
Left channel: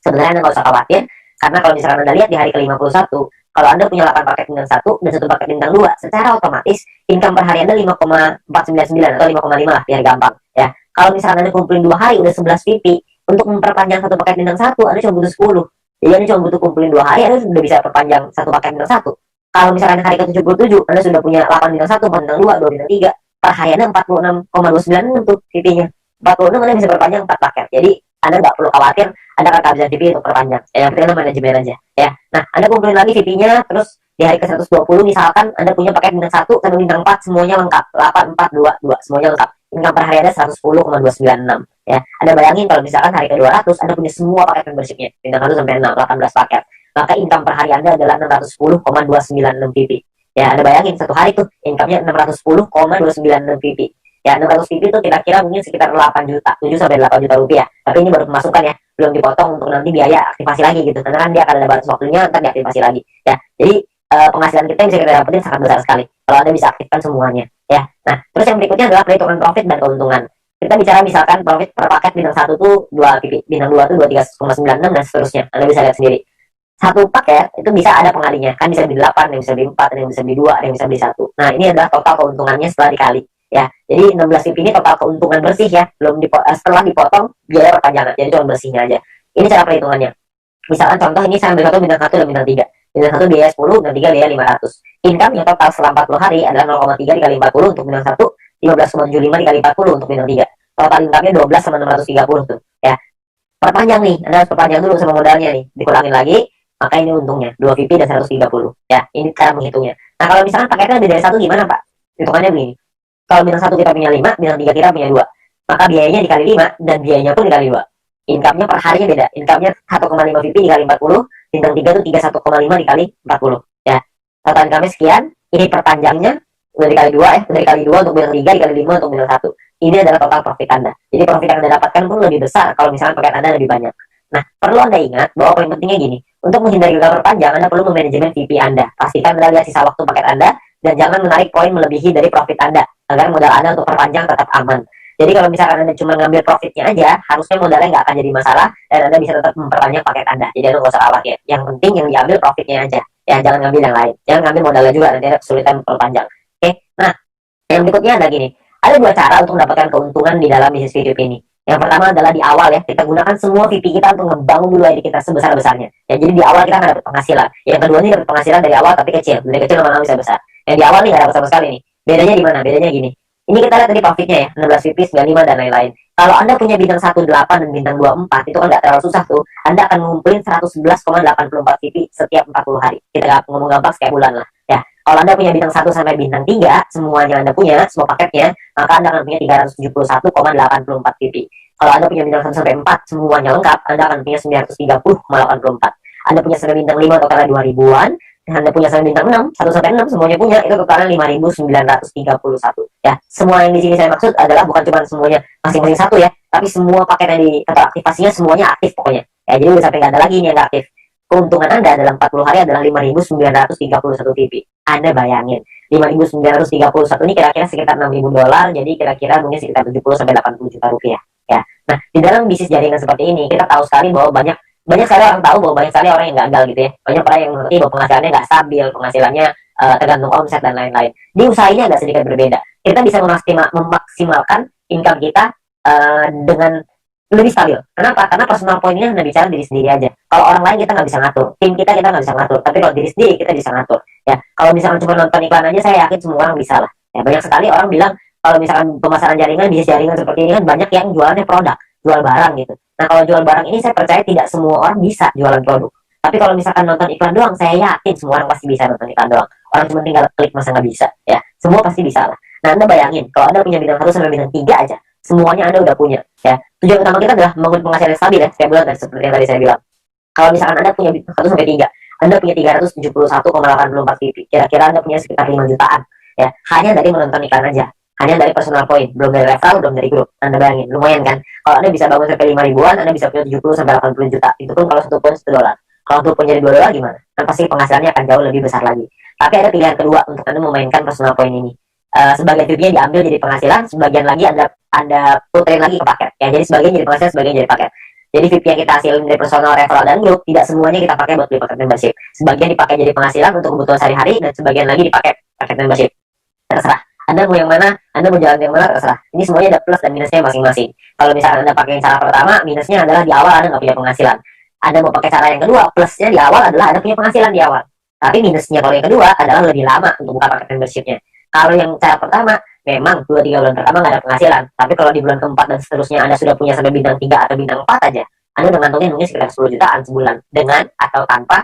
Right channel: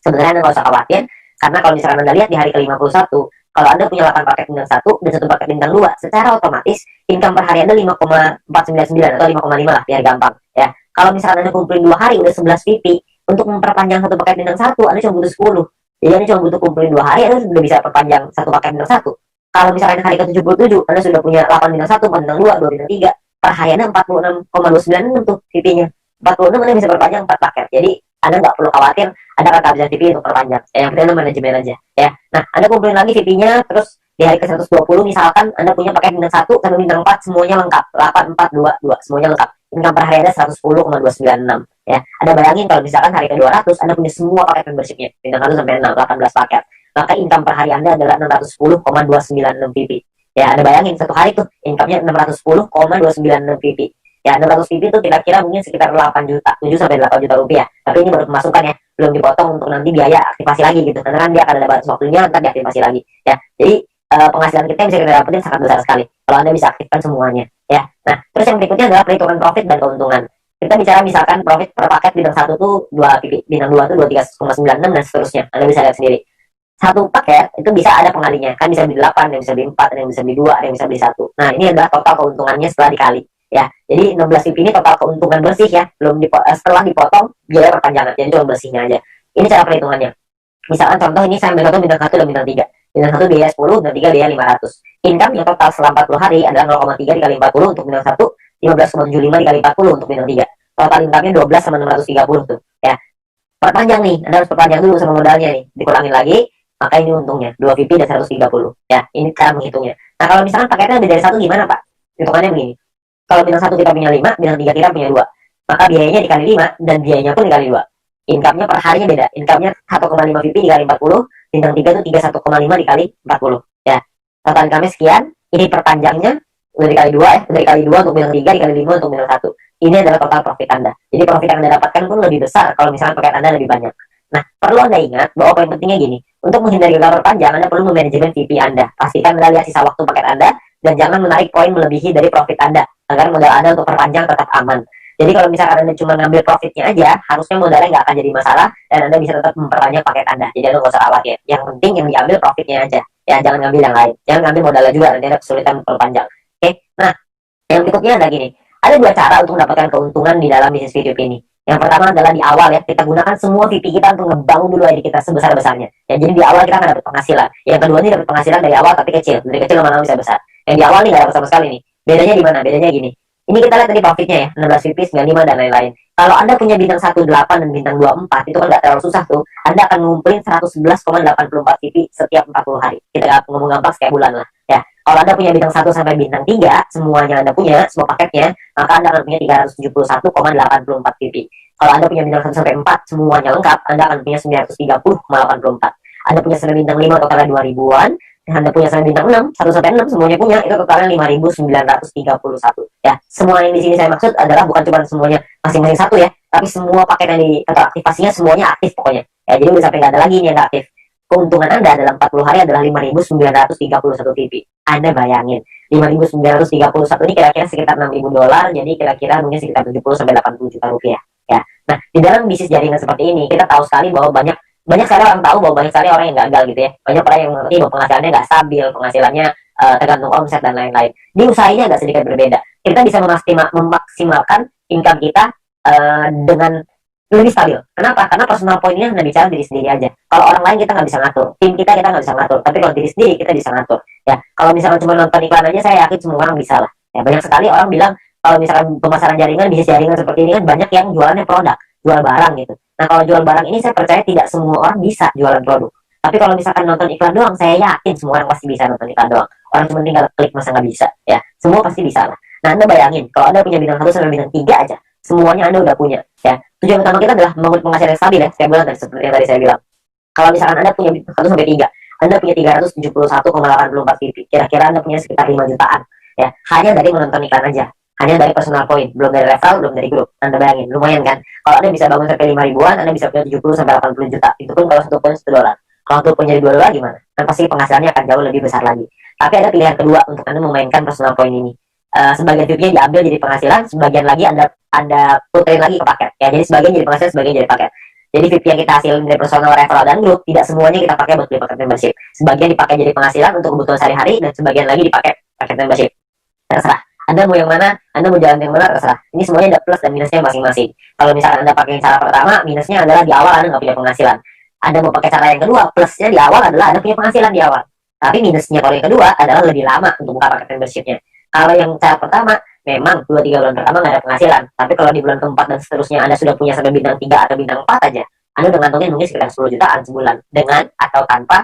Sebenarnya Anda nggak usah khawatir, karena kalau misalkan Anda lihat di hari ke-51, kalau Anda punya 8 paket bintang 1 dan 1 paket bintang 2, secara otomatis income per hari Anda 5,499 atau 5,5 lah biar gampang ya. Kalau misalkan Anda kumpulin 2 hari udah 11 VP, untuk memperpanjang 1 paket bintang 1 Anda cuma butuh 10. Jadi Anda cuma butuh kumpulin 2 hari, Anda sudah bisa perpanjang 1 paket bintang 1. Kalau misalkan hari ke-77 Anda sudah punya 8 bintang 1, 4 bintang 2, 2 bintang 3, per hari Anda 46,29 untuk VP-nya. 46 Anda bisa perpanjang 4 paket. Jadi Anda nggak perlu khawatir Anda akan kehabisan VP untuk perpanjang. Yang penting Anda manajemen aja ya. Nah, Anda kumpulin lagi VP-nya, terus di hari ke-120 misalkan Anda punya paket bintang 1 sampai bintang 4 semuanya lengkap, 8, 4, 2, 2 semuanya lengkap. Income per hari Anda 110,296 ya. Anda bayangin kalau misalkan hari ke-200 Anda punya semua paket membershipnya bintang 1 sampai 6, 18 paket, maka income per hari Anda adalah 610,296 VP ya. Anda bayangin satu hari tuh income-nya 610,296 VP ya. 600 VP itu kira-kira mungkin sekitar 8 juta, 7 sampai 8 juta rupiah. Tapi ini baru pemasukan ya, belum dipotong untuk nanti biaya aktivasi lagi gitu, karena kan dia akan ada batas waktunya, ntar diaktifasi lagi ya. Jadi penghasilan kita yang bisa kita dapetin sangat besar sekali kalau Anda bisa aktifkan semuanya ya. Nah, terus yang berikutnya adalah perhitungan profit dan keuntungan. Kita bicara misalkan profit per paket bintang 1 tuh 2 VP, bintang 2 tuh 23,96 dan seterusnya. Anda bisa lihat sendiri. Satu paket itu bisa ada pengalinya, kan bisa beli 8, yang bisa beli 4, yang bisa beli 2, yang bisa beli 1. Nah, ini adalah total keuntungannya setelah dikali ya. Jadi 16 VIP ini total keuntungan bersih ya, belum setelah dipotong biaya perpanjangan. Jadi cuma bersihnya aja. Ini cara perhitungannya. Misalkan contoh ini saya ambil contoh bintang 1 dan bintang 3. Bintang 1 biaya 10, bintang 3 biaya 500. Income yang total selama 40 hari adalah 0,3 dikali 40 untuk bintang 1, 15,75 dikali 40 untuk bintang 3. Total income-nya 12 sama 630 tuh. Ya. Perpanjang nih, Anda harus perpanjang dulu sama modalnya nih. Dikurangin lagi, maka ini untungnya 2 VP dan 130. Ya, ini cara menghitungnya. Nah, kalau misalkan paketnya lebih dari 1 gimana, Pak? Hitungannya begini. Kalau bintang 1 kita punya 5, bintang 3 kita punya 2. Maka biayanya dikali 5 dan biayanya pun dikali 2. Income-nya per harinya beda. Income-nya 1,5 VP dikali 40, bintang 3 itu 31,5 dikali 40. Ya. Total income-nya sekian, ini perpanjangnya udah dikali 2 ya, udah dikali 2 untuk bintang 3, dikali 5 untuk bintang 1. Ini adalah total profit Anda. Jadi profit yang Anda dapatkan pun lebih besar kalau misalkan paket Anda lebih banyak. Nah, perlu Anda ingat bahwa poin pentingnya gini, untuk menghindari gagal perpanjang, Anda perlu memanajemen VP Anda. Pastikan Anda lihat sisa waktu paket Anda, dan jangan menarik poin melebihi dari profit Anda, agar modal Anda untuk perpanjang tetap aman. Jadi kalau misalkan Anda cuma ngambil profitnya aja, harusnya modalnya nggak akan jadi masalah, dan Anda bisa tetap memperpanjang paket Anda. Jadi Anda nggak usah khawatir. Yang penting yang diambil profitnya aja. Ya, jangan ngambil yang lain. Jangan ngambil modalnya juga, nanti Anda kesulitan memperpanjang. Oke, nah, yang berikutnya ada gini. Ada dua cara untuk mendapatkan keuntungan di dalam bisnis video ini. Yang pertama adalah di awal ya, kita gunakan semua VP kita untuk ngebangun dulu ID kita sebesar-besarnya. Ya, jadi di awal kita nggak dapat penghasilan. Yang kedua ini dapat penghasilan dari awal tapi kecil. Dari kecil lama-lama bisa besar. Yang di awal nih nggak dapat sama sekali nih. Bedanya di mana? Bedanya gini. Ini kita lihat tadi profitnya ya, 16 VP, 95 dan lain-lain. Kalau Anda punya bintang 18 dan bintang 24, itu kan nggak terlalu susah tuh. Anda akan ngumpulin 111,84 VP setiap 40 hari. Kita ngomong gampang setiap bulan lah. Ya, kalau Anda punya bintang 1 sampai bintang 3, semuanya Anda punya, semua paketnya, maka Anda akan punya 371,84 VP. Kalau Anda punya bintang 1 sampai 4, semuanya lengkap, Anda akan punya 930,84. Anda punya sampai bintang 5, totalnya 2000-an. Anda punya sampai bintang 6, 1 sampai 6 semuanya punya, itu totalnya 5.931. Ya, semua yang di sini saya maksud adalah bukan cuma semuanya masing-masing satu ya, tapi semua paket yang di kantor aktivasinya semuanya aktif pokoknya. Ya, jadi udah sampai nggak ada lagi nih yang nggak aktif. Keuntungan Anda dalam 40 hari adalah 5.931 VP. Anda bayangin, 5.931 ini kira-kira sekitar $6.000, jadi kira-kira mungkin sekitar 70 sampai 80 juta rupiah. Ya. Nah, di dalam bisnis jaringan seperti ini, kita tahu sekali bahwa banyak sekali orang tahu bahwa banyak sekali orang yang gagal gitu ya. Banyak orang yang mengerti bahwa penghasilannya nggak stabil, penghasilannya tergantung omset dan lain-lain. Di usaha ini agak sedikit berbeda. Kita bisa memaksimalkan income kita dengan lebih stabil. Kenapa? Karena personal point-nya hanya bicara diri sendiri aja. Kalau orang lain kita nggak bisa ngatur, tim kita nggak bisa ngatur. Tapi kalau diri sendiri kita bisa ngatur. Ya, kalau misalkan cuma nonton iklan aja, saya yakin semua orang bisa lah. Ya, banyak sekali orang bilang kalau misalkan pemasaran jaringan, bisnis jaringan seperti ini kan banyak yang jualannya produk, jual barang gitu. Nah, kalau jual barang ini saya percaya tidak semua orang bisa jualan produk. Tapi kalau misalkan nonton iklan doang, saya yakin semua orang pasti bisa nonton iklan doang. Orang cuma tinggal klik, masa nggak bisa? Ya, semua pasti bisa lah. Nah, Anda bayangin, kalau Anda punya bintang 1 sampai bintang 3 aja, semuanya Anda udah punya. Ya, tujuan utama kita adalah membangun penghasilan yang stabil ya, setiap bulan seperti yang tadi saya bilang. Kalau misalkan Anda punya bintang 1 sampai 3, Anda punya 371,84 VP. Kira-kira Anda punya sekitar 5 jutaan. Ya, hanya dari menonton iklan aja. Hanya dari personal point, belum dari referral, belum dari grup. Anda bayangin, lumayan kan? Kalau Anda bisa bangun sampai 5 ribuan, Anda bisa punya 70 sampai 80 juta. Itu pun kalau satu poin $1. Kalau satu poin jadi $2 gimana? Kan pasti penghasilannya akan jauh lebih besar lagi. Tapi ada pilihan kedua untuk Anda memainkan personal point ini. Sebagian VP-nya diambil jadi penghasilan, sebagian lagi Anda puterin lagi ke paket. Ya, jadi sebagian jadi penghasilan, sebagian jadi paket. Jadi VP yang kita hasilin dari personal, referral, dan grup, tidak semuanya kita pakai buat beli paket membership. Sebagian dipakai jadi penghasilan untuk kebutuhan sehari-hari, dan sebagian lagi dipakai paket membership. Terserah. Anda mau yang mana, Anda mau jalan yang mana, terserah. Ini semuanya ada plus dan minusnya masing-masing. Kalau misalkan Anda pakai cara pertama, minusnya adalah di awal Anda nggak punya penghasilan. Anda mau pakai cara yang kedua, plusnya di awal adalah Anda punya penghasilan di awal. Tapi minusnya kalau yang kedua adalah lebih lama untuk buka paket membershipnya. Kalau yang cara pertama, memang 2-3 bulan pertama nggak ada penghasilan. Tapi kalau di bulan keempat dan seterusnya Anda sudah punya sampai bintang 3 atau bintang 4 aja, Anda udah ngantongin mungkin sekitar 10 jutaan sebulan. Dengan atau tanpa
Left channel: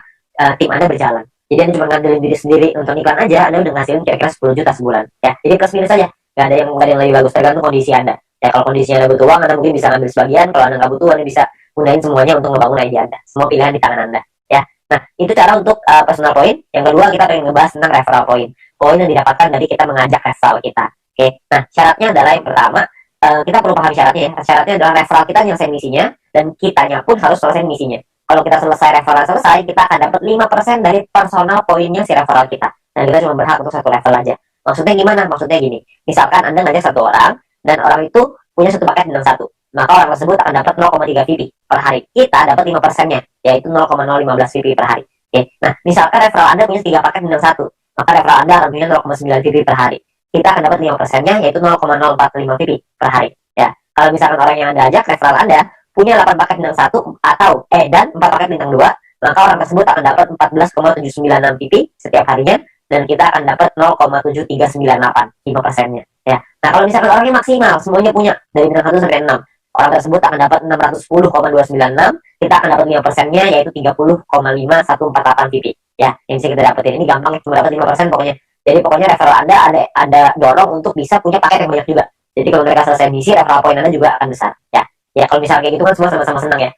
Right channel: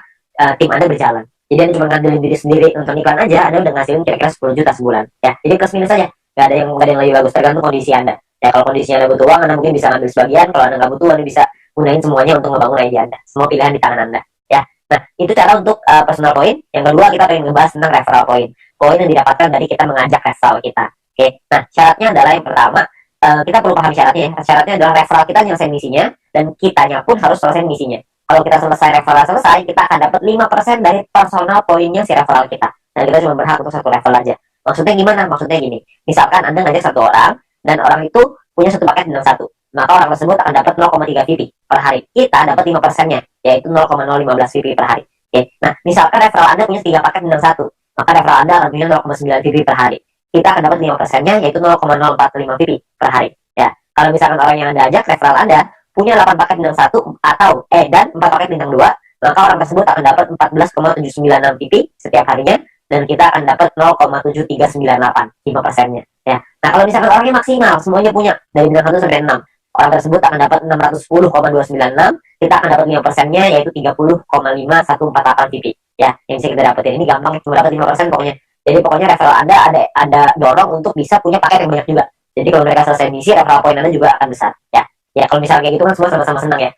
tim Anda berjalan. Jadi Anda cuma ngandelin diri sendiri nonton iklan aja, Anda udah ngasilin kira-kira 10 juta sebulan. Ya, jadi plus minus aja. Gak ada yang lebih bagus, tergantung kondisi Anda. Ya, kalau kondisinya Anda butuh uang, Anda mungkin bisa ngambil sebagian. Kalau Anda nggak butuh, Anda bisa gunain semuanya untuk ngebangun ide Anda. Semua pilihan di tangan Anda. Ya, nah itu cara untuk personal point. Yang kedua, kita pengen ngebahas tentang referral point. Poin yang didapatkan dari kita mengajak referral kita. Oke, nah syaratnya adalah yang pertama, kita perlu paham syaratnya ya. Syaratnya adalah referral kita nyelesain misinya, dan kitanya pun harus selesai misinya. Kalau kita selesai referral selesai, kita akan dapat 5% dari personal poinnya si referral kita. Dan kita cuma berhak untuk satu level aja. Maksudnya gimana? Maksudnya gini, misalkan Anda ngajak satu orang, dan orang itu punya satu paket bintang 1. Maka orang tersebut akan dapat 0,3 VP per hari. Kita dapat 5%-nya, yaitu 0,015 VP per hari. Oke. Nah, misalkan referral Anda punya 3 paket bintang 1, maka referral Anda akan punya 0,9 VP per hari. kita akan dapat 5%-nya, yaitu 0,045 VP per hari. Ya, kalau misalkan orang yang Anda ajak, referral Anda, punya 8 paket bintang 1 atau dan 4 paket bintang 2, maka orang tersebut akan dapat 14,796 VP setiap harinya, dan kita akan dapat 0,7398, 5%-nya. Ya. Nah, kalau misalkan orangnya maksimal, semuanya punya, dari bintang 1 sampai 6, orang tersebut akan dapat 610,296, kita akan dapat 5%-nya, yaitu 30,5148 VP. Ya, yang bisa kita dapetin. Ini gampang, cuma dapat 5% pokoknya. Jadi pokoknya referral Anda ada dorong untuk bisa punya paket yang banyak juga. Jadi kalau mereka selesai misi, referral point Anda juga akan besar. Ya, ya kalau misalnya kayak gitu kan semua sama-sama senang ya.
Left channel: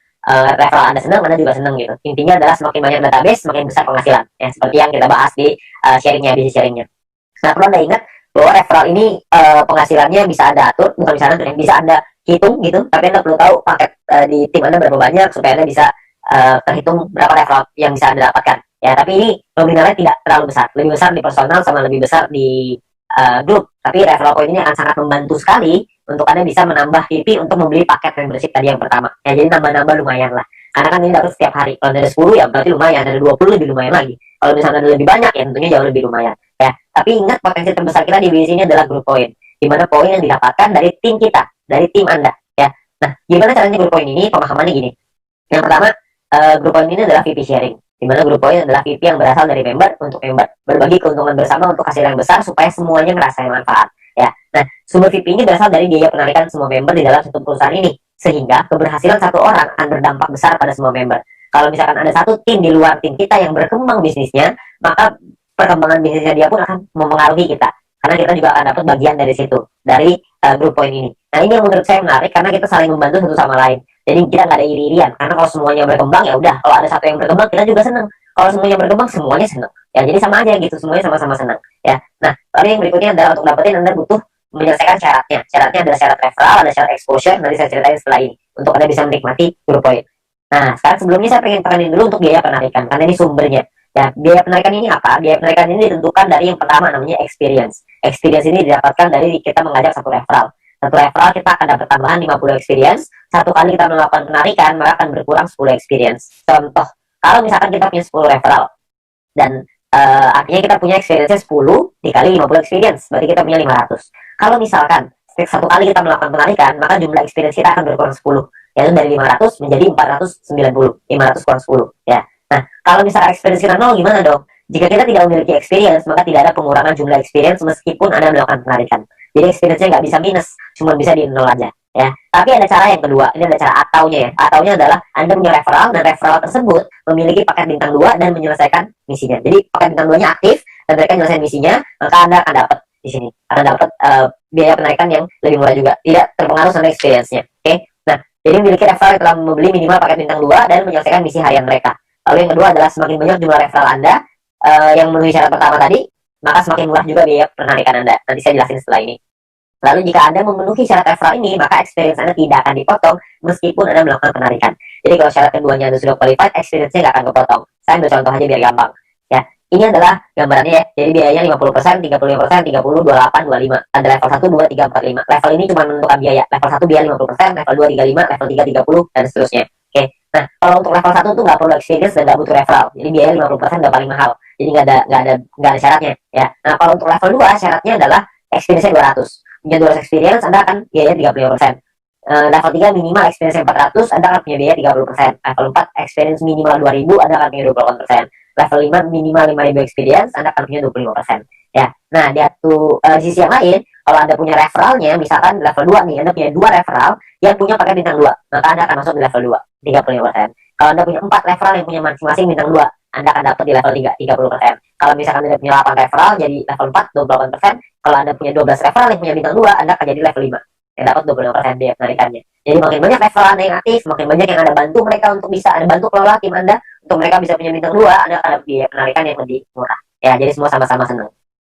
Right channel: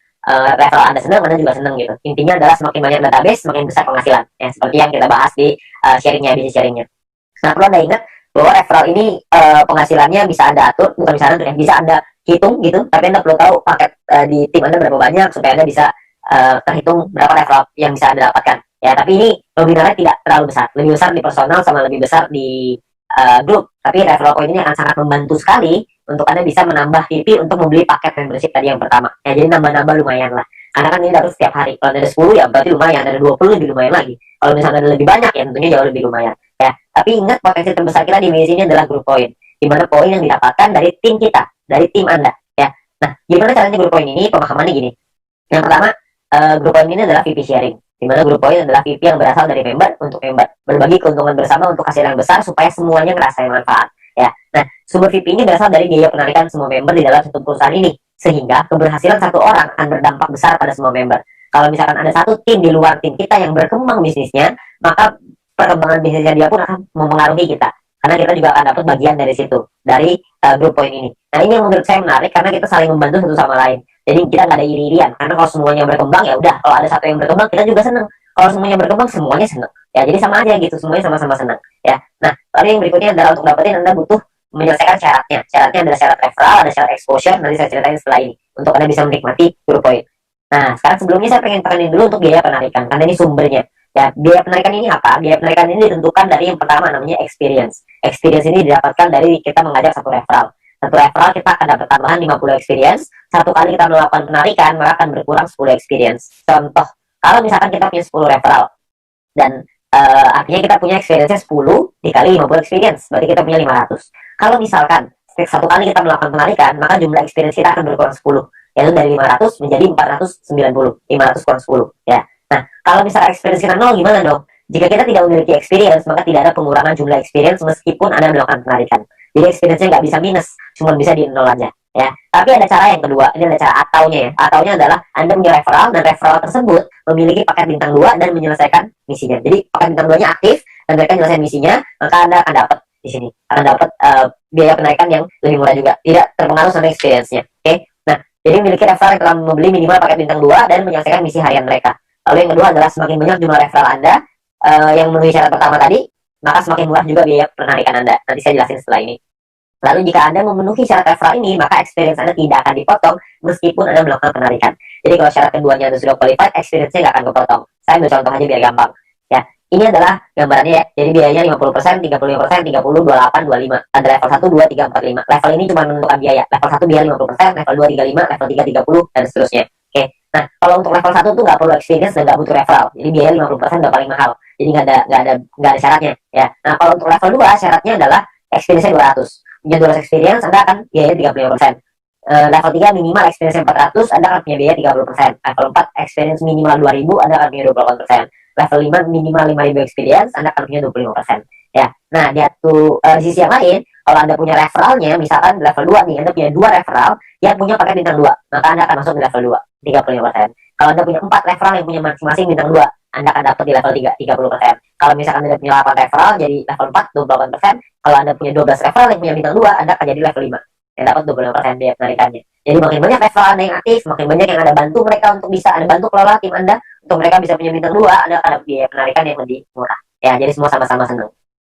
Referral Anda senang, Anda juga senang gitu. Intinya adalah semakin banyak database, semakin besar penghasilan. Ya, seperti yang kita bahas di sharingnya, bisnis sharingnya. Nah, perlu Anda ingat bahwa referral ini penghasilannya bisa Anda atur, bukan bisa Anda, bisa Anda hitung gitu. Tapi Anda perlu tahu paket di tim Anda berapa banyak supaya Anda bisa terhitung berapa referral yang bisa Anda dapatkan. Ya, tapi ini nominalnya tidak terlalu besar. Lebih besar di personal sama lebih besar di grup. Tapi referral point ini akan sangat membantu sekali untuk Anda bisa menambah VP untuk membeli paket membership tadi yang pertama. Ya, jadi nambah-nambah lumayan lah. Karena kan ini dapat setiap hari. Kalau ada 10 ya berarti lumayan, ada 20 lebih lumayan lagi. Kalau misalnya ada lebih banyak ya tentunya jauh lebih lumayan. Ya, tapi ingat potensi terbesar kita di bisnis ini adalah group point. Di mana poin yang didapatkan dari tim kita, dari tim Anda. Ya. Nah, gimana caranya group point ini? Pemahamannya gini. Yang pertama, group point ini adalah VP sharing. Di mana group point adalah VP yang berasal dari member untuk member. Berbagi keuntungan bersama untuk hasil yang besar supaya semuanya ngerasain manfaat. Ya. Nah, sumber VP ini berasal dari biaya penarikan semua member di dalam satu perusahaan ini. Sehingga keberhasilan satu orang akan berdampak besar pada semua member. Kalau misalkan ada satu tim di luar tim kita yang berkembang bisnisnya, maka perkembangan bisnisnya dia pun akan mempengaruhi kita. Karena kita juga akan dapat bagian dari situ, dari group point ini. Nah, ini yang menurut saya menarik karena kita saling membantu satu sama lain. Jadi kita nggak ada iri-irian. Karena kalau semuanya berkembang ya udah. Kalau ada satu yang berkembang kita juga senang. Kalau semuanya berkembang semuanya senang. Ya jadi sama aja gitu. Semuanya sama-sama senang. Ya. Nah, lalu yang berikutnya adalah untuk dapetin Anda butuh menyelesaikan syaratnya. Syaratnya adalah syarat referral, ada syarat exposure. Nanti saya ceritain setelah ini untuk Anda bisa menikmati group point. Nah, sekarang sebelumnya saya pengen tekanin dulu untuk biaya penarikan karena ini sumbernya. Ya, biaya penarikan ini apa? Biaya penarikan ini ditentukan dari yang pertama namanya experience. Experience ini didapatkan dari kita mengajak satu referral. Satu referral kita akan dapat tambahan 50 experience. Satu kali kita melakukan penarikan, maka akan berkurang 10 experience. Contoh, kalau misalkan kita punya 10 referral, dan artinya kita punya experience-nya 10 dikali 50 experience, berarti kita punya 500. Kalau misalkan satu kali kita melakukan penarikan, maka jumlah experience kita akan berkurang 10. Yaitu dari 500 menjadi 490. 500 kurang 10. Ya. Nah, kalau misalkan experience kita 0, gimana dong? Jika kita tidak memiliki experience, maka tidak ada pengurangan jumlah experience meskipun Anda melakukan penarikan. Jadi experience-nya nggak bisa minus, cuma bisa di 0 aja. Ya, tapi ada cara yang kedua. Ini ada cara ataunya ya. Ataunya adalah Anda punya referral dan referral tersebut memiliki paket bintang 2 dan menyelesaikan misinya. Jadi paket bintang 2-nya aktif dan mereka menyelesaikan misinya, maka Anda akan dapat di sini. Akan dapat biaya penarikan yang lebih murah juga, tidak terpengaruh sama experience-nya. Oke. Nah, jadi memiliki referral yang telah membeli minimal paket bintang 2 dan menyelesaikan misi harian mereka. Lalu yang kedua adalah semakin banyak jumlah referral Anda yang memenuhi syarat pertama tadi, maka semakin murah juga biaya penarikan Anda. Nanti saya jelasin setelah ini. Lalu jika Anda memenuhi syarat referral ini, maka experience Anda tidak akan dipotong meskipun Anda melakukan penarikan. Jadi kalau syarat keduanya Anda sudah qualified, experience-nya nggak akan kepotong. Saya ambil contoh aja biar gampang. Ya, ini adalah gambarannya ya. Jadi biayanya 50%, 35%, 30, 28, 25. Ada level 1, 2, 3, 4, 5. Level ini cuma menentukan biaya. Level 1 biaya 50%, level 2 35, level 3 30, dan seterusnya. Oke. Nah, kalau untuk level 1 tuh nggak perlu experience dan nggak butuh referral. Jadi biaya 50% udah paling mahal. Jadi nggak ada syaratnya. Ya. Nah, kalau untuk level 2 syaratnya adalah experience-nya 200. Punya 200 experience, Anda akan biaya 35%. Level 3 minimal experience 400, Anda akan punya biaya 30%. Level 4 experience minimal 2000, Anda akan punya 28%. Level 5 minimal 5000 experience, Anda akan punya 25%. Ya. Nah, di sisi yang lain, kalau Anda punya referralnya, misalkan level 2 nih, Anda punya 2 referral yang punya paket bintang 2, maka Anda akan masuk di level 2, 35%. Kalau Anda punya 4 referral yang punya masing-masing bintang 2, Anda akan dapat di level 3, 30%. Kalau misalkan Anda punya 8 referral, jadi level 4, 28%. Kalau Anda punya 12 referral yang punya bintang 2, Anda akan jadi level 5, yang dapat 25% biaya penarikannya. Jadi makin banyak referral Anda yang aktif, makin banyak yang Anda bantu mereka untuk bisa Anda bantu kelola tim Anda, untuk mereka bisa punya bintang 2, Anda akan dapat biaya penarikan yang lebih murah. Ya, jadi semua sama-sama senang.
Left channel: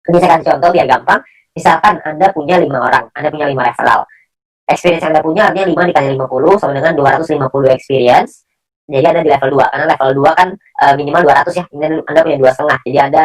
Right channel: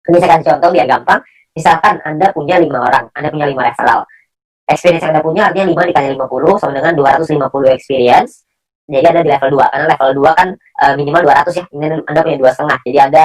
Ini saya kasih contoh biar gampang. Misalkan Anda punya 5 orang, Anda punya 5 referral. Experience yang Anda punya artinya 5 dikali 50 sama dengan 250 experience. Jadi ada di level 2, karena level 2 kan minimal 200 ya. Ini Anda punya 2,5. Jadi Anda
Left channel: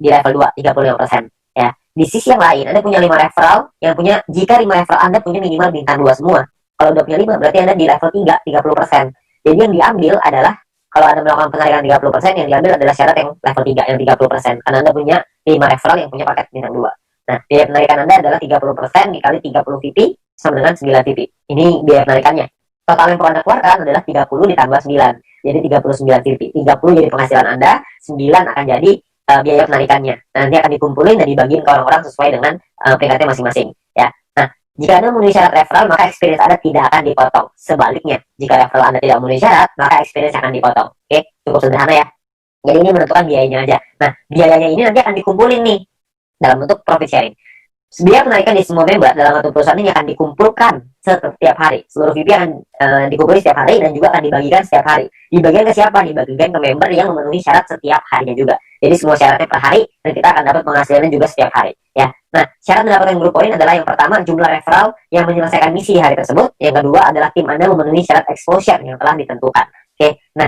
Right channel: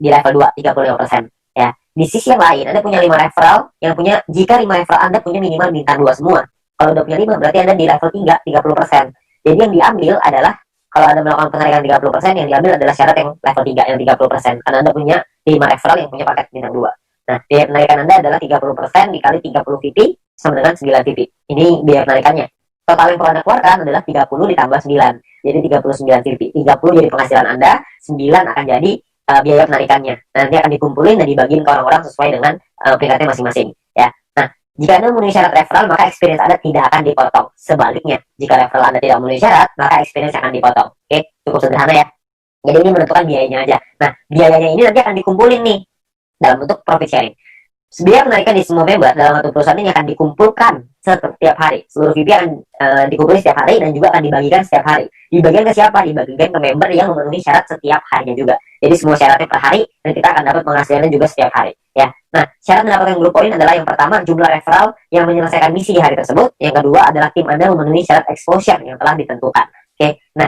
di level 2, 35%. Ya. Di sisi yang lain, Anda punya 5 referral yang punya, jika 5 referral Anda punya minimal bintang 2 semua. Kalau udah punya 5, berarti Anda di level 3, 30%. Jadi yang diambil adalah, kalau Anda melakukan penarikan 30%, yang diambil adalah syarat yang level 3, yang 30%. Karena Anda punya 5 referral yang punya paket bintang 2. Nah, biaya penarikan Anda adalah 30% dikali 30 VP sama dengan 9 VP. Ini biaya penarikannya. Total yang perlu Anda keluarkan adalah 30 ditambah 9. Jadi 39 VP. 30 jadi penghasilan Anda, 9 akan jadi biaya penarikannya. Nanti akan dikumpulin dan dibagiin ke orang-orang sesuai dengan peringkatnya masing-masing. Ya. Nah, jika Anda memenuhi syarat referral, maka experience Anda tidak akan dipotong. Sebaliknya, jika referral Anda tidak memenuhi syarat, maka experience akan dipotong. Oke, cukup sederhana ya. Jadi ini menentukan biayanya aja. Nah, biayanya ini nanti akan dikumpulin nih dalam bentuk profit sharing. Biaya penarikan di semua member dalam satu perusahaan ini akan dikumpulkan setiap hari. Seluruh VP akan dikumpulkan setiap hari dan juga akan dibagikan setiap hari. Dibagikan ke siapa? Dibagikan ke member yang memenuhi syarat setiap harinya juga. Jadi semua syaratnya per hari dan kita akan dapat penghasilannya juga setiap hari. Ya. Nah, syarat mendapatkan grup poin adalah yang pertama jumlah referral yang menyelesaikan misi di hari tersebut. Yang kedua adalah tim Anda memenuhi syarat exposure yang telah ditentukan. Oke. Nah,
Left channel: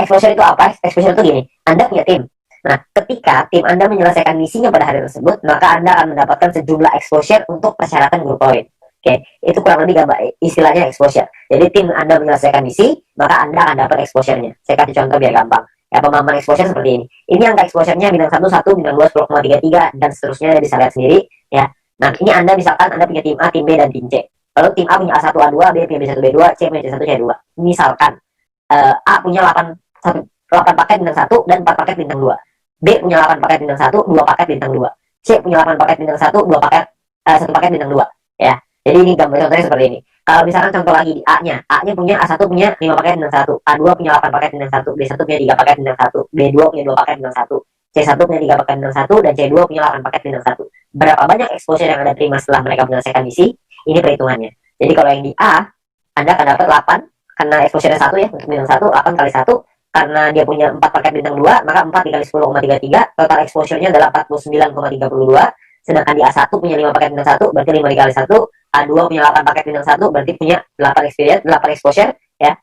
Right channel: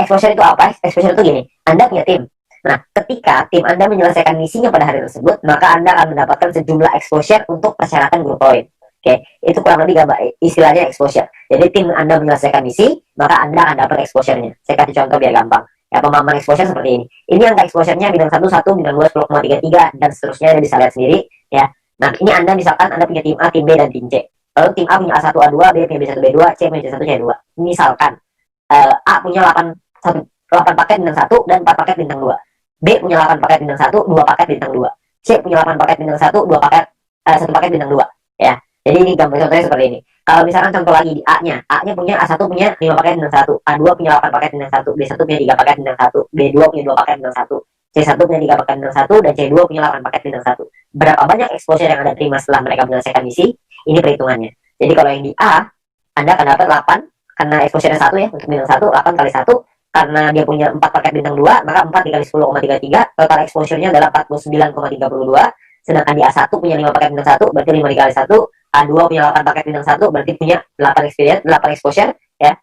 exposure itu apa? Exposure itu gini. Anda punya tim. Nah, ketika tim Anda menyelesaikan misinya pada hari tersebut, maka Anda akan mendapatkan sejumlah exposure untuk persyaratan grup poin. Oke, itu kurang lebih gambar istilahnya exposure. Jadi tim Anda menyelesaikan misi, maka Anda akan dapat exposure-nya. Saya kasih contoh biar gampang. Ya, pemahaman exposure seperti ini. Ini angka exposure-nya bintang 1, 1, bintang 2, 10,33, dan seterusnya Anda bisa lihat sendiri. Ya. Nah, ini Anda misalkan Anda punya tim A, tim B, dan tim C. Lalu tim A punya A1, A2, B punya B1, B2, C punya C1, C2. Misalkan A punya 8 paket bintang 1 dan 4 paket bintang 2. B punya 8 paket bintang 1, 2 paket bintang 2. C punya 8 paket bintang 1, 2 paket 1 paket bintang 2. Ya. Jadi ini gambar contohnya seperti ini. Kalau misalkan contoh lagi di A-nya, A-nya punya A1 punya 5 paket bintang 1, A2 punya 8 paket bintang 1, B1 punya 3 paket bintang 1, B2 punya 2 paket bintang 1, C1 punya 3 paket bintang 1 dan C2 punya 8 paket bintang 1. Berapa banyak exposure yang Anda terima setelah mereka menyelesaikan misi? Ini perhitungannya. Jadi kalau yang di A, Anda akan dapat 8 karena exposure 1 ya untuk bintang 1, 8 kali 1 karena dia punya 4 paket bintang 2, maka 4 dikali 10,33, total exposure-nya adalah 49,32, sedangkan di A1 punya 5 paket bintang 1, berarti 5 dikali 1, A2 punya 8 paket bintang 1, berarti punya 8 experience, 8 exposure, ya.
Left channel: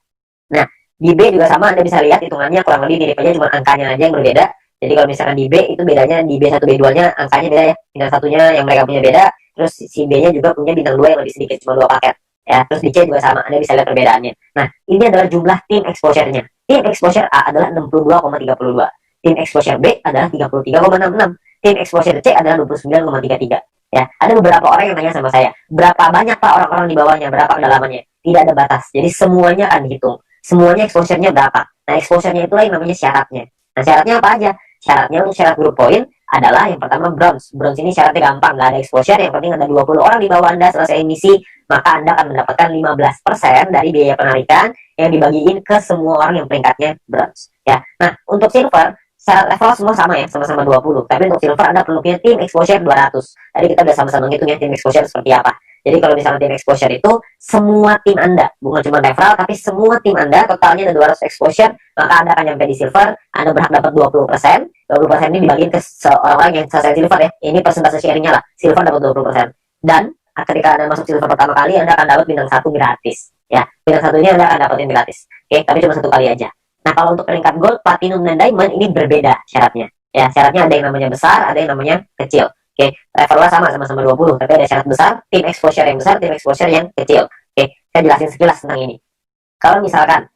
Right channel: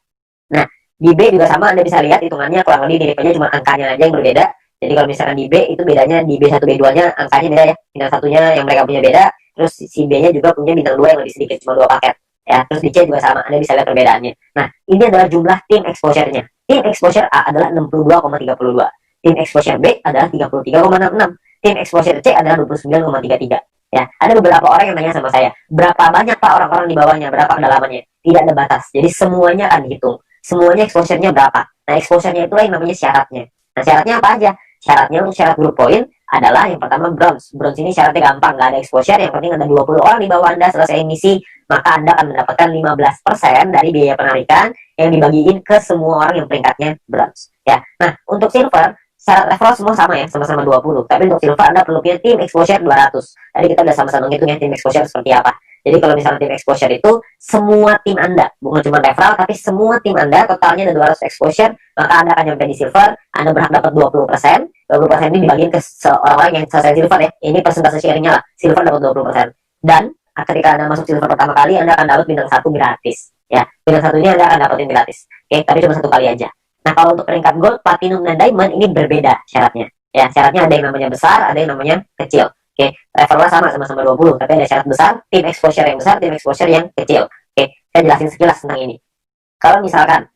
Nah, di B juga sama, Anda bisa lihat hitungannya kurang lebih mirip aja, cuma angkanya aja yang berbeda. Jadi kalau misalkan di B, itu bedanya di B1, B2-nya angkanya beda ya, bintang satunya yang mereka punya beda, terus si B-nya juga punya bintang 2 yang lebih sedikit, cuma 2 paket. Ya, terus di C juga sama, Anda bisa lihat perbedaannya. Nah, ini adalah jumlah tim exposure-nya. Tim exposure A adalah 62,32. Tim exposure B adalah 33,66. Tim exposure C adalah 29,33. Ya, ada beberapa orang yang tanya sama saya, berapa banyak Pak orang-orang di bawahnya, berapa kedalamannya? Tidak ada batas. Jadi semuanya akan dihitung. Semuanya exposure-nya berapa? Nah, exposure-nya itulah yang namanya syaratnya. Nah, syaratnya apa aja? Syaratnya untuk syarat grup poin adalah yang pertama bronze. Bronze ini syaratnya gampang, nggak ada exposure, yang penting ada 20 orang di bawah Anda selesai misi, maka Anda akan mendapatkan 15% dari biaya penarikan yang dibagiin ke semua orang yang peringkatnya bronze. Ya. Nah, untuk silver, syarat referral semua sama ya, sama-sama 20. Tapi untuk silver Anda perlu punya tim exposure 200. Tadi kita udah sama-sama ngitung ya tim exposure seperti apa. Jadi kalau misalnya tim exposure itu semua tim Anda, bukan cuma referral, tapi semua tim Anda totalnya ada 200 exposure, maka Anda akan nyampe di silver, Anda berhak dapat 20%. 20% ini dibagiin ke orang-orang yang selesai silver ya. Ini persentase sharingnya lah. Silver dapat 20%. Dan ketika Anda masuk silver pertama kali, Anda akan dapat bintang 1 gratis. Ya, bintang 1 ini Anda akan dapatin gratis. Oke, tapi cuma 1 kali aja. Nah, kalau untuk peringkat gold, platinum, dan diamond ini berbeda syaratnya. Ya, syaratnya ada yang namanya besar, ada yang namanya kecil. Oke, levelnya sama-sama 20, tapi ada syarat besar, tim exposure yang besar, tim exposure yang kecil. Oke, saya jelasin sekilas tentang ini. Kalau misalkan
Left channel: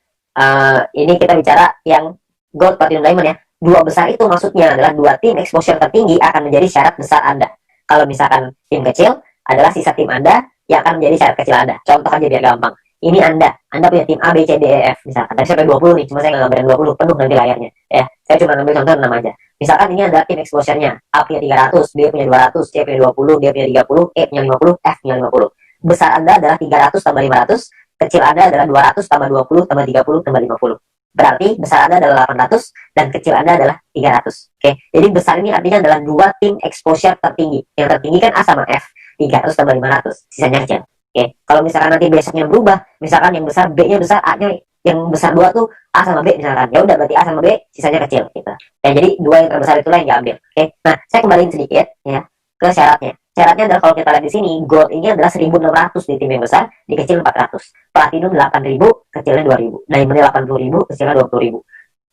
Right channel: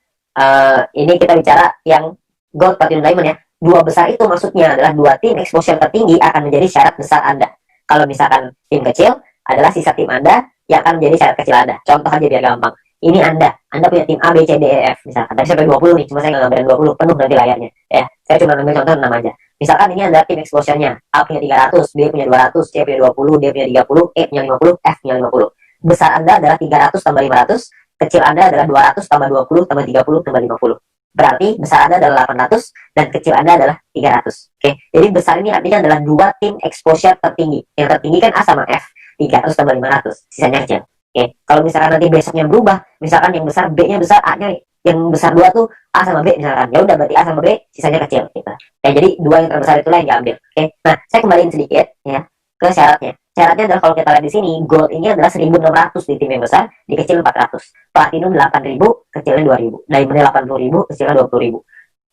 ini kita bicara yang gold, platinum, diamond ya. Dua besar itu maksudnya adalah dua tim exposure tertinggi akan menjadi syarat besar Anda. Kalau misalkan tim kecil adalah sisa tim Anda yang akan menjadi syarat kecil Anda. Contoh aja biar gampang. Ini Anda punya tim A, B, C, D, E, F misalkan. Tadi sampai 20 nih, cuma saya nggak gambarin 20, penuh nanti layarnya. Ya, saya cuma ambil contoh 6 aja. Misalkan ini adalah tim exposure-nya. A punya 300, B punya 200, C punya 20, D punya 30, E punya 50, F punya 50. Besar Anda adalah 300 tambah 500, kecil Anda adalah 200 tambah 20 tambah 30 tambah 50. Berarti besar Anda adalah 800 dan kecil Anda adalah 300. Oke, jadi besar ini artinya adalah dua tim exposure tertinggi. Yang tertinggi kan A sama F, 300 tambah 500, sisanya kecil. Oke, kalau misalkan nanti besoknya berubah, misalkan yang besar B-nya besar, A-nya yang besar 2 tuh A sama B misalkan. Ya udah berarti A sama B sisanya kecil gitu. Ya jadi dua yang terbesar itulah yang diambil. Oke. Nah, saya kembaliin sedikit ya ke syaratnya. Syaratnya adalah kalau kita lihat di sini, gold ini adalah 1.600 di tim yang besar, di kecil 400. Platinum 8.000, kecilnya 2.000. Diamondnya 80.000, kecilnya 20.000.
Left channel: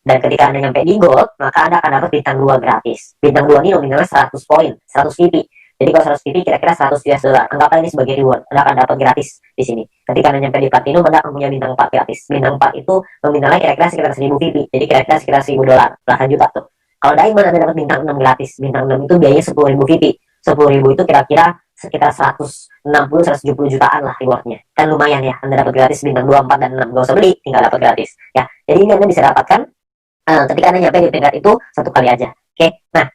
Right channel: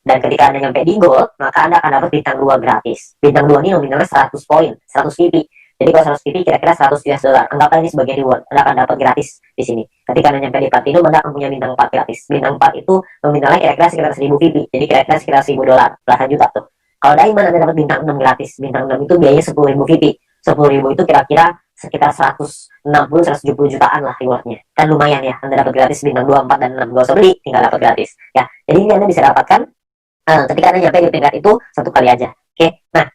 Dan ketika Anda nyampe di gold, maka Anda akan dapat bintang 2 gratis. Bintang 2 ini nominalnya 100 poin, 100 VP. Jadi kalau 100 VP kira-kira 100 US dollar. Anggaplah ini sebagai reward. Anda akan dapat gratis di sini. Ketika Anda nyampe di platinum, Anda akan punya bintang 4 gratis. Bintang 4 itu nominalnya kira-kira sekitar 1.000 VP. Jadi kira-kira sekitar 1.000 dolar, belasan juta tuh. Kalau diamond Anda dapat bintang 6 gratis. Bintang 6 itu biayanya 10.000 VP. 10.000 itu kira-kira sekitar 160-170 jutaan lah rewardnya. Kan lumayan ya, Anda dapat gratis bintang 2, 4, dan 6. Gak usah beli, tinggal dapat gratis. Ya, jadi ini Anda bisa dapatkan ketika Anda nyampe di peringkat itu satu kali aja. Oke, nah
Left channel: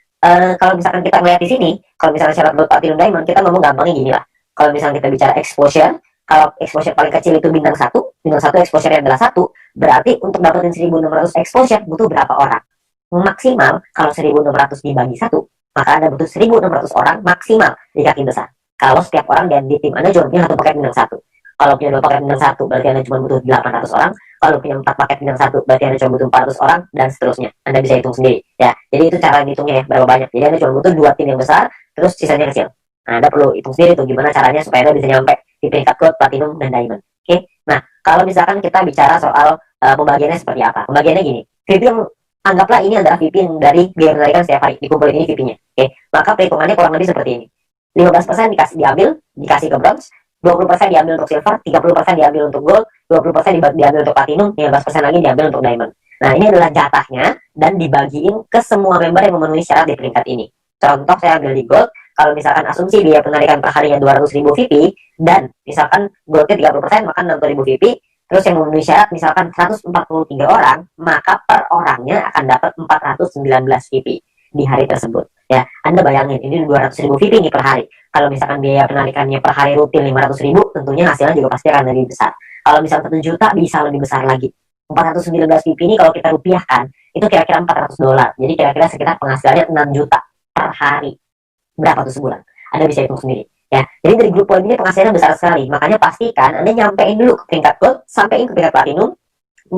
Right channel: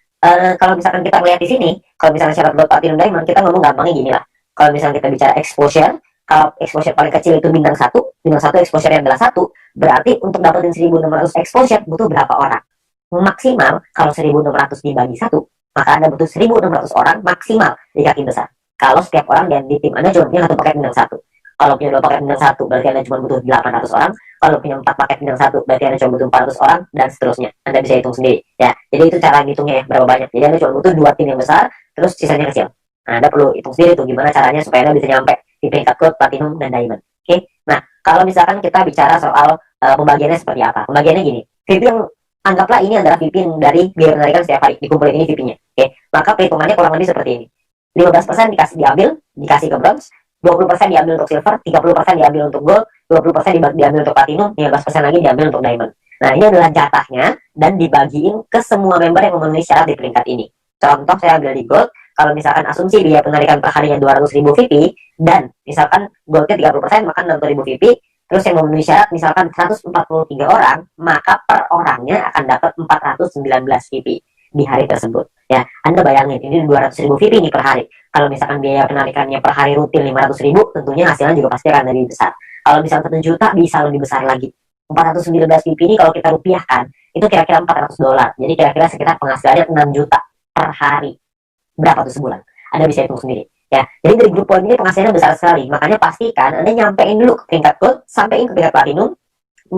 kalau misalkan kita melihat di sini, kalau misalkan syarat buat Platinum Diamond, kita ngomong gampangnya gini lah. Kalau misalkan kita bicara exposure, kalau exposure paling kecil itu bintang satu exposure-nya adalah 1, berarti untuk dapetin 1.600 exposure butuh berapa orang? Maksimal kalau 1.600 dibagi 1, maka Anda butuh 1.600 orang maksimal di kaki besar. Kalau setiap orang dan di tim Anda cuma punya 1 paket bintang 1. Kalau punya 2 paket bintang 1, berarti Anda cuma butuh 800 orang. Kalau punya 4 paket bintang 1, berarti Anda cuma butuh 400 orang, dan seterusnya. Anda bisa hitung sendiri. Ya, jadi itu cara ngitungnya ya, berapa banyak. Jadi Anda cuma butuh 2 tim yang besar, terus sisanya kecil. Nah, Anda perlu hitung sendiri tuh gimana caranya supaya Anda bisa nyampe di peringkat gold, platinum, dan diamond. Oke, nah kalau misalkan kita bicara soal pembagiannya seperti apa. Pembagiannya gini, VIP yang anggaplah ini adalah VIP dari biaya penarikan setiap hari, dikumpulin ini VIP-nya. Oke, maka perhitungannya kurang lebih seperti ini. 15% dikasih ke bronze, 20% diambil untuk silver, 30% diambil untuk gold, 20% diambil untuk platinum, 15% lagi diambil untuk diamond. Nah, ini adalah jatahnya dan dibagiin ke semua member yang memenuhi syarat di peringkat ini. Contoh saya ambil di gold, kalau misalkan asumsi biaya penarikan per harinya 200.000 VP dan misalkan goldnya 30%, maka 60.000 VP, terus yang memenuhi syarat misalkan 143 orang, maka per orangnya akan dapat 419 VP di hari tersebut. Ya, Anda bayangin ini 200.000 VP nih per hari. Kalau misalkan biaya penarikannya per hari rutin 500.000, tentunya hasilnya juga pasti akan lebih besar. Kalau misalkan 1 juta bisa lebih besar lagi. 419 VP ini kalau kita rupiahkan, itu kira-kira $400. Jadi kira-kira sekitar penghasilannya 6 juta per hari. Berapa tuh sebulan? Anda bisa hitung sendiri. Ya, jadi dari grup poin ini penghasilannya besar sekali. Makanya pastikan Anda nyampein dulu ke peringkat gold, sampein ke peringkat platinum,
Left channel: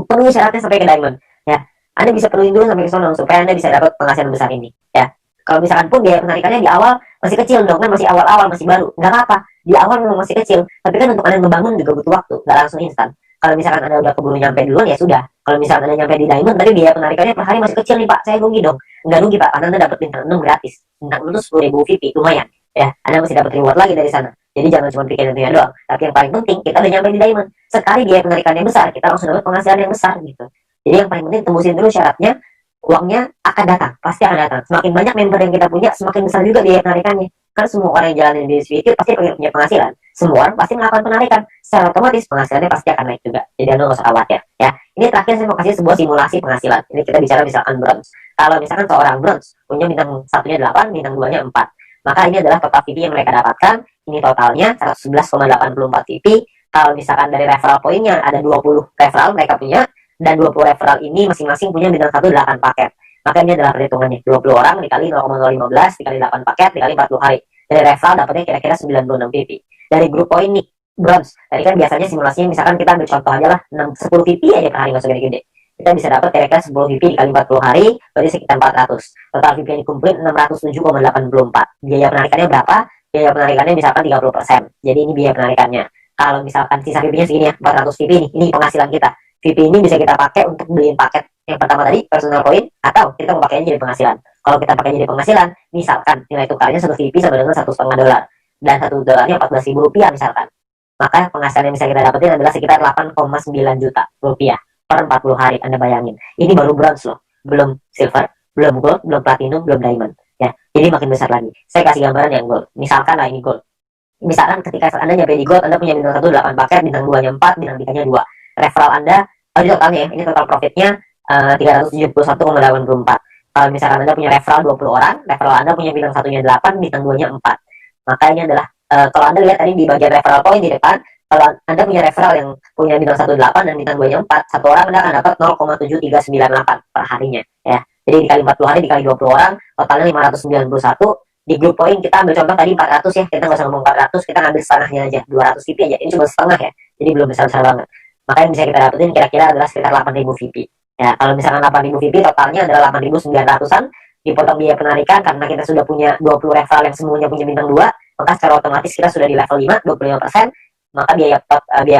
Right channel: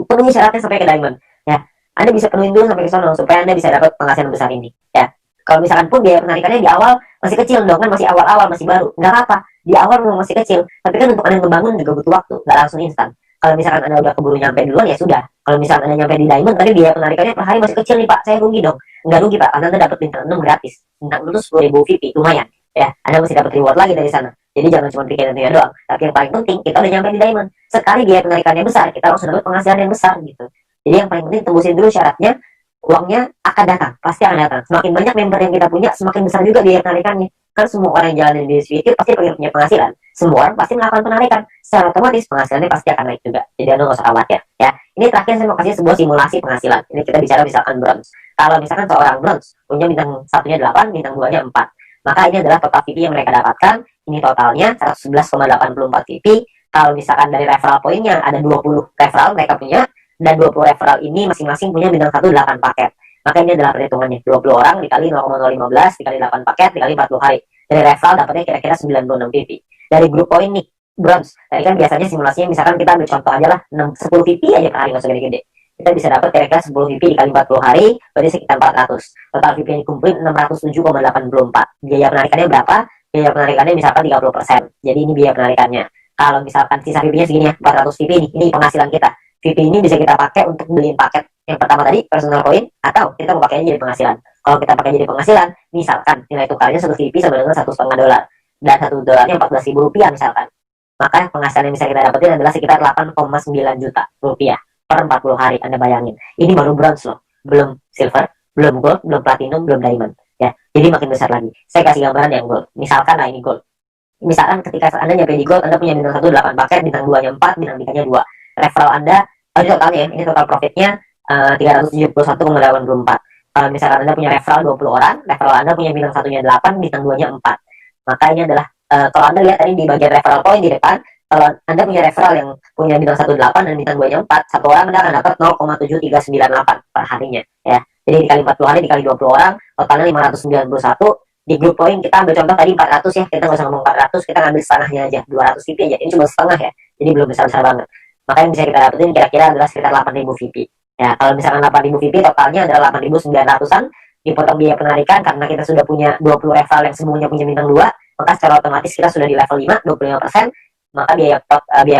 penuhi syaratnya sampai ke diamond. Ya, Anda bisa penuhin dulu sampai ke sana supaya Anda bisa dapat penghasilan besar ini. Ya, kalau misalkan pun biaya penarikannya di awal masih kecil dong, kan masih awal-awal, masih baru, nggak apa-apa. Di awal memang masih kecil, tapi kan untuk Anda membangun juga butuh waktu, nggak langsung instan. Kalau misalkan Anda udah keburu nyampe duluan, ya sudah. Kalau misalkan Anda nyampe di diamond, tapi biaya penarikannya per hari masih kecil nih Pak, saya rugi dong. Nggak rugi Pak, karena Anda dapat bintang 6 gratis. Bintang 6 itu 10.000 VP, lumayan. Ya, Anda masih dapat reward lagi dari sana. Jadi jangan cuma pikirin itu doang. Tapi yang paling penting, kita udah nyampe di diamond. Sekali biaya penarikannya besar, kita langsung dapat penghasilan yang besar gitu. Jadi yang paling penting tembusin dulu syaratnya, uangnya akan datang, pasti akan datang. Semakin banyak member yang kita punya, semakin besar juga biaya penarikannya. Kan semua orang yang jalanin bisnis video pasti pengen punya penghasilan. Semua orang pasti melakukan penarikan. Secara otomatis penghasilannya pasti akan naik juga. Jadi Anda nggak usah khawatir. Ya, ini terakhir saya mau kasih sebuah simulasi penghasilan. Ini kita bicara misalkan bronze. Kalau misalkan seorang bronze punya bintang satunya 8, bintang 2-nya 4. Maka ini adalah total VP yang mereka dapatkan. Ini totalnya 111,84 VP. Kalau misalkan dari referral poinnya ada 20 referral mereka punya, dan 20 referral ini masing-masing punya bintang 1 8 paket. Maka ini adalah perhitungannya. 20 orang dikali 0,015 dikali 8 paket dikali 40 hari. Dari referral dapatnya kira-kira 96 VP. Dari grup poin nih, bronze. Tadi kan biasanya simulasinya misalkan kita ambil contoh aja lah, 10 VP aja per hari, nggak usah gede-gede. Kita bisa dapat kira-kira 10 VP dikali 40 hari, berarti sekitar 400. Total VP yang dikumpulin 607,84. Biaya penarikannya berapa? Biaya penarikannya misalkan 30%. Jadi ini biaya penarikannya. Kalau misalkan sisa VP-nya segini ya, 400 VP nih, ini penghasilan kita. VP ini bisa kita pakai untuk beliin paket yang pertama tadi, personal coin, atau kita mau pakainya jadi penghasilan. Kalau kita pakai jadi penghasilan, misalkan nilai tukarnya 1 VP sama dengan $1,5, dan $1 14.000 rupiah misalkan. Maka penghasilan yang bisa kita dapetin adalah sekitar 8,9 juta rupiah per 40 hari. Anda bayangin. Ini baru bronze loh. Belum silver, belum gold, belum platinum, belum diamond. Ya, jadi makin besar lagi. Saya kasih gambaran yang gold. Misalkan lah ini gold. Misalkan ketika Anda nyampe di gold, Anda punya bintang 1 8 paket, bintang 2-nya 4, bintang 3-nya 2. Referral Anda, ini totalnya ya, ini total profitnya 371,84. Kalau misalkan Anda punya referral 20 orang, referral Anda punya bintang 1-nya 8, bintang 2-nya 4. Maka ini adalah, kalau Anda lihat tadi di bagian referral point di depan, kalau Anda punya referral yang punya bintang 1 8 dan bintang 2-nya 4, satu orang Anda akan dapat 0,7398 per harinya. Ya. Jadi dikali 40 hari, dikali 20 orang, totalnya 591. Di grup poin kita ambil contoh tadi 400 ya, kita nggak usah ngomong 400, kita ngambil setengahnya aja, 200 VP aja. Ini cuma setengah ya, jadi belum besar-besar banget. Maka yang bisa kita dapetin kira-kira adalah sekitar 8.000 VP. Ya, kalau misalkan 8.000 VP totalnya adalah 8.900-an, dipotong biaya penarikan karena kita sudah punya 20 referral yang semuanya punya bintang 2, maka secara otomatis kita sudah di level 5, 25%, maka biaya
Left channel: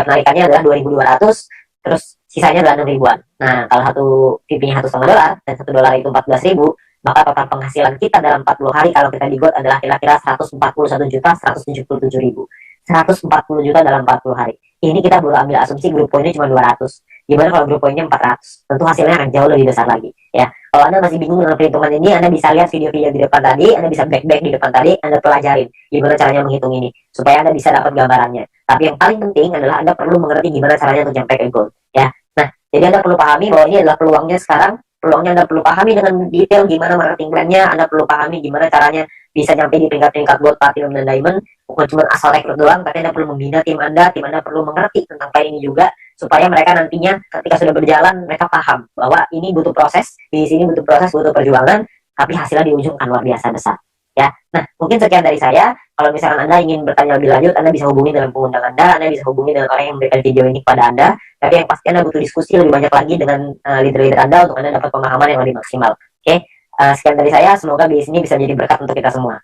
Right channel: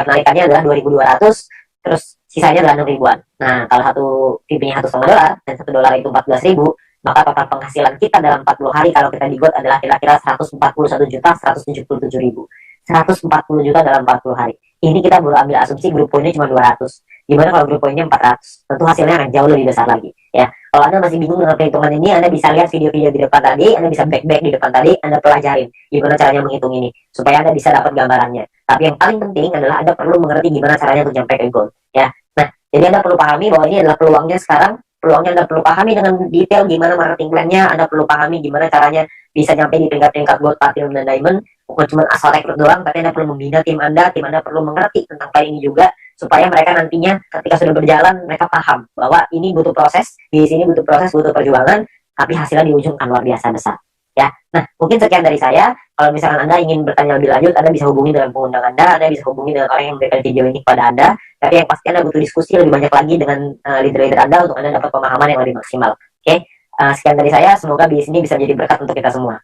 penarikannya adalah 2.200, terus sisanya adalah 6.000-an. Nah, kalau satu VP-nya $1,5 dan $1 itu 14.000, maka total penghasilan kita dalam 40 hari kalau kita di GOAT adalah kira-kira 141.177.000. 140 juta dalam 40 hari. Ini kita baru ambil asumsi grup poinnya cuma 200. Gimana kalau grup poinnya 400? Tentu hasilnya akan jauh lebih besar lagi. Ya, Kalau Anda masih bingung dengan perhitungan ini, Anda bisa lihat video-video di depan tadi, Anda bisa back di depan tadi, Anda pelajarin gimana caranya menghitung ini, supaya Anda bisa dapat gambarannya. Tapi yang paling penting adalah Anda perlu mengerti gimana caranya untuk sampai ke goal, ya. Nah, jadi Anda perlu pahami bahwa ini adalah peluangnya sekarang, peluangnya Anda perlu pahami dengan detail gimana marketing plan-nya, Anda perlu pahami gimana caranya bisa nyampe di tingkat-tingkat gold, platinum, dan diamond, bukan cuma asal rekrut doang, tapi Anda perlu membina tim Anda perlu mengerti tentang plan ini juga, supaya mereka nantinya ketika sudah berjalan mereka paham bahwa ini butuh proses, di sini butuh proses, butuh perjuangan, tapi hasilnya di ujung kan luar biasa besar, ya. Nah, mungkin sekian dari saya. Kalau misalkan Anda ingin bertanya lebih lanjut, Anda bisa hubungi dengan pengundang Anda bisa hubungi dengan orang yang memberikan video ini kepada Anda, tapi yang pasti Anda butuh diskusi lebih banyak lagi dengan leader-leader Anda untuk Anda dapat pemahaman yang lebih maksimal. Oke, sekian dari saya, semoga di sini bisa menjadi berkat untuk kita semua.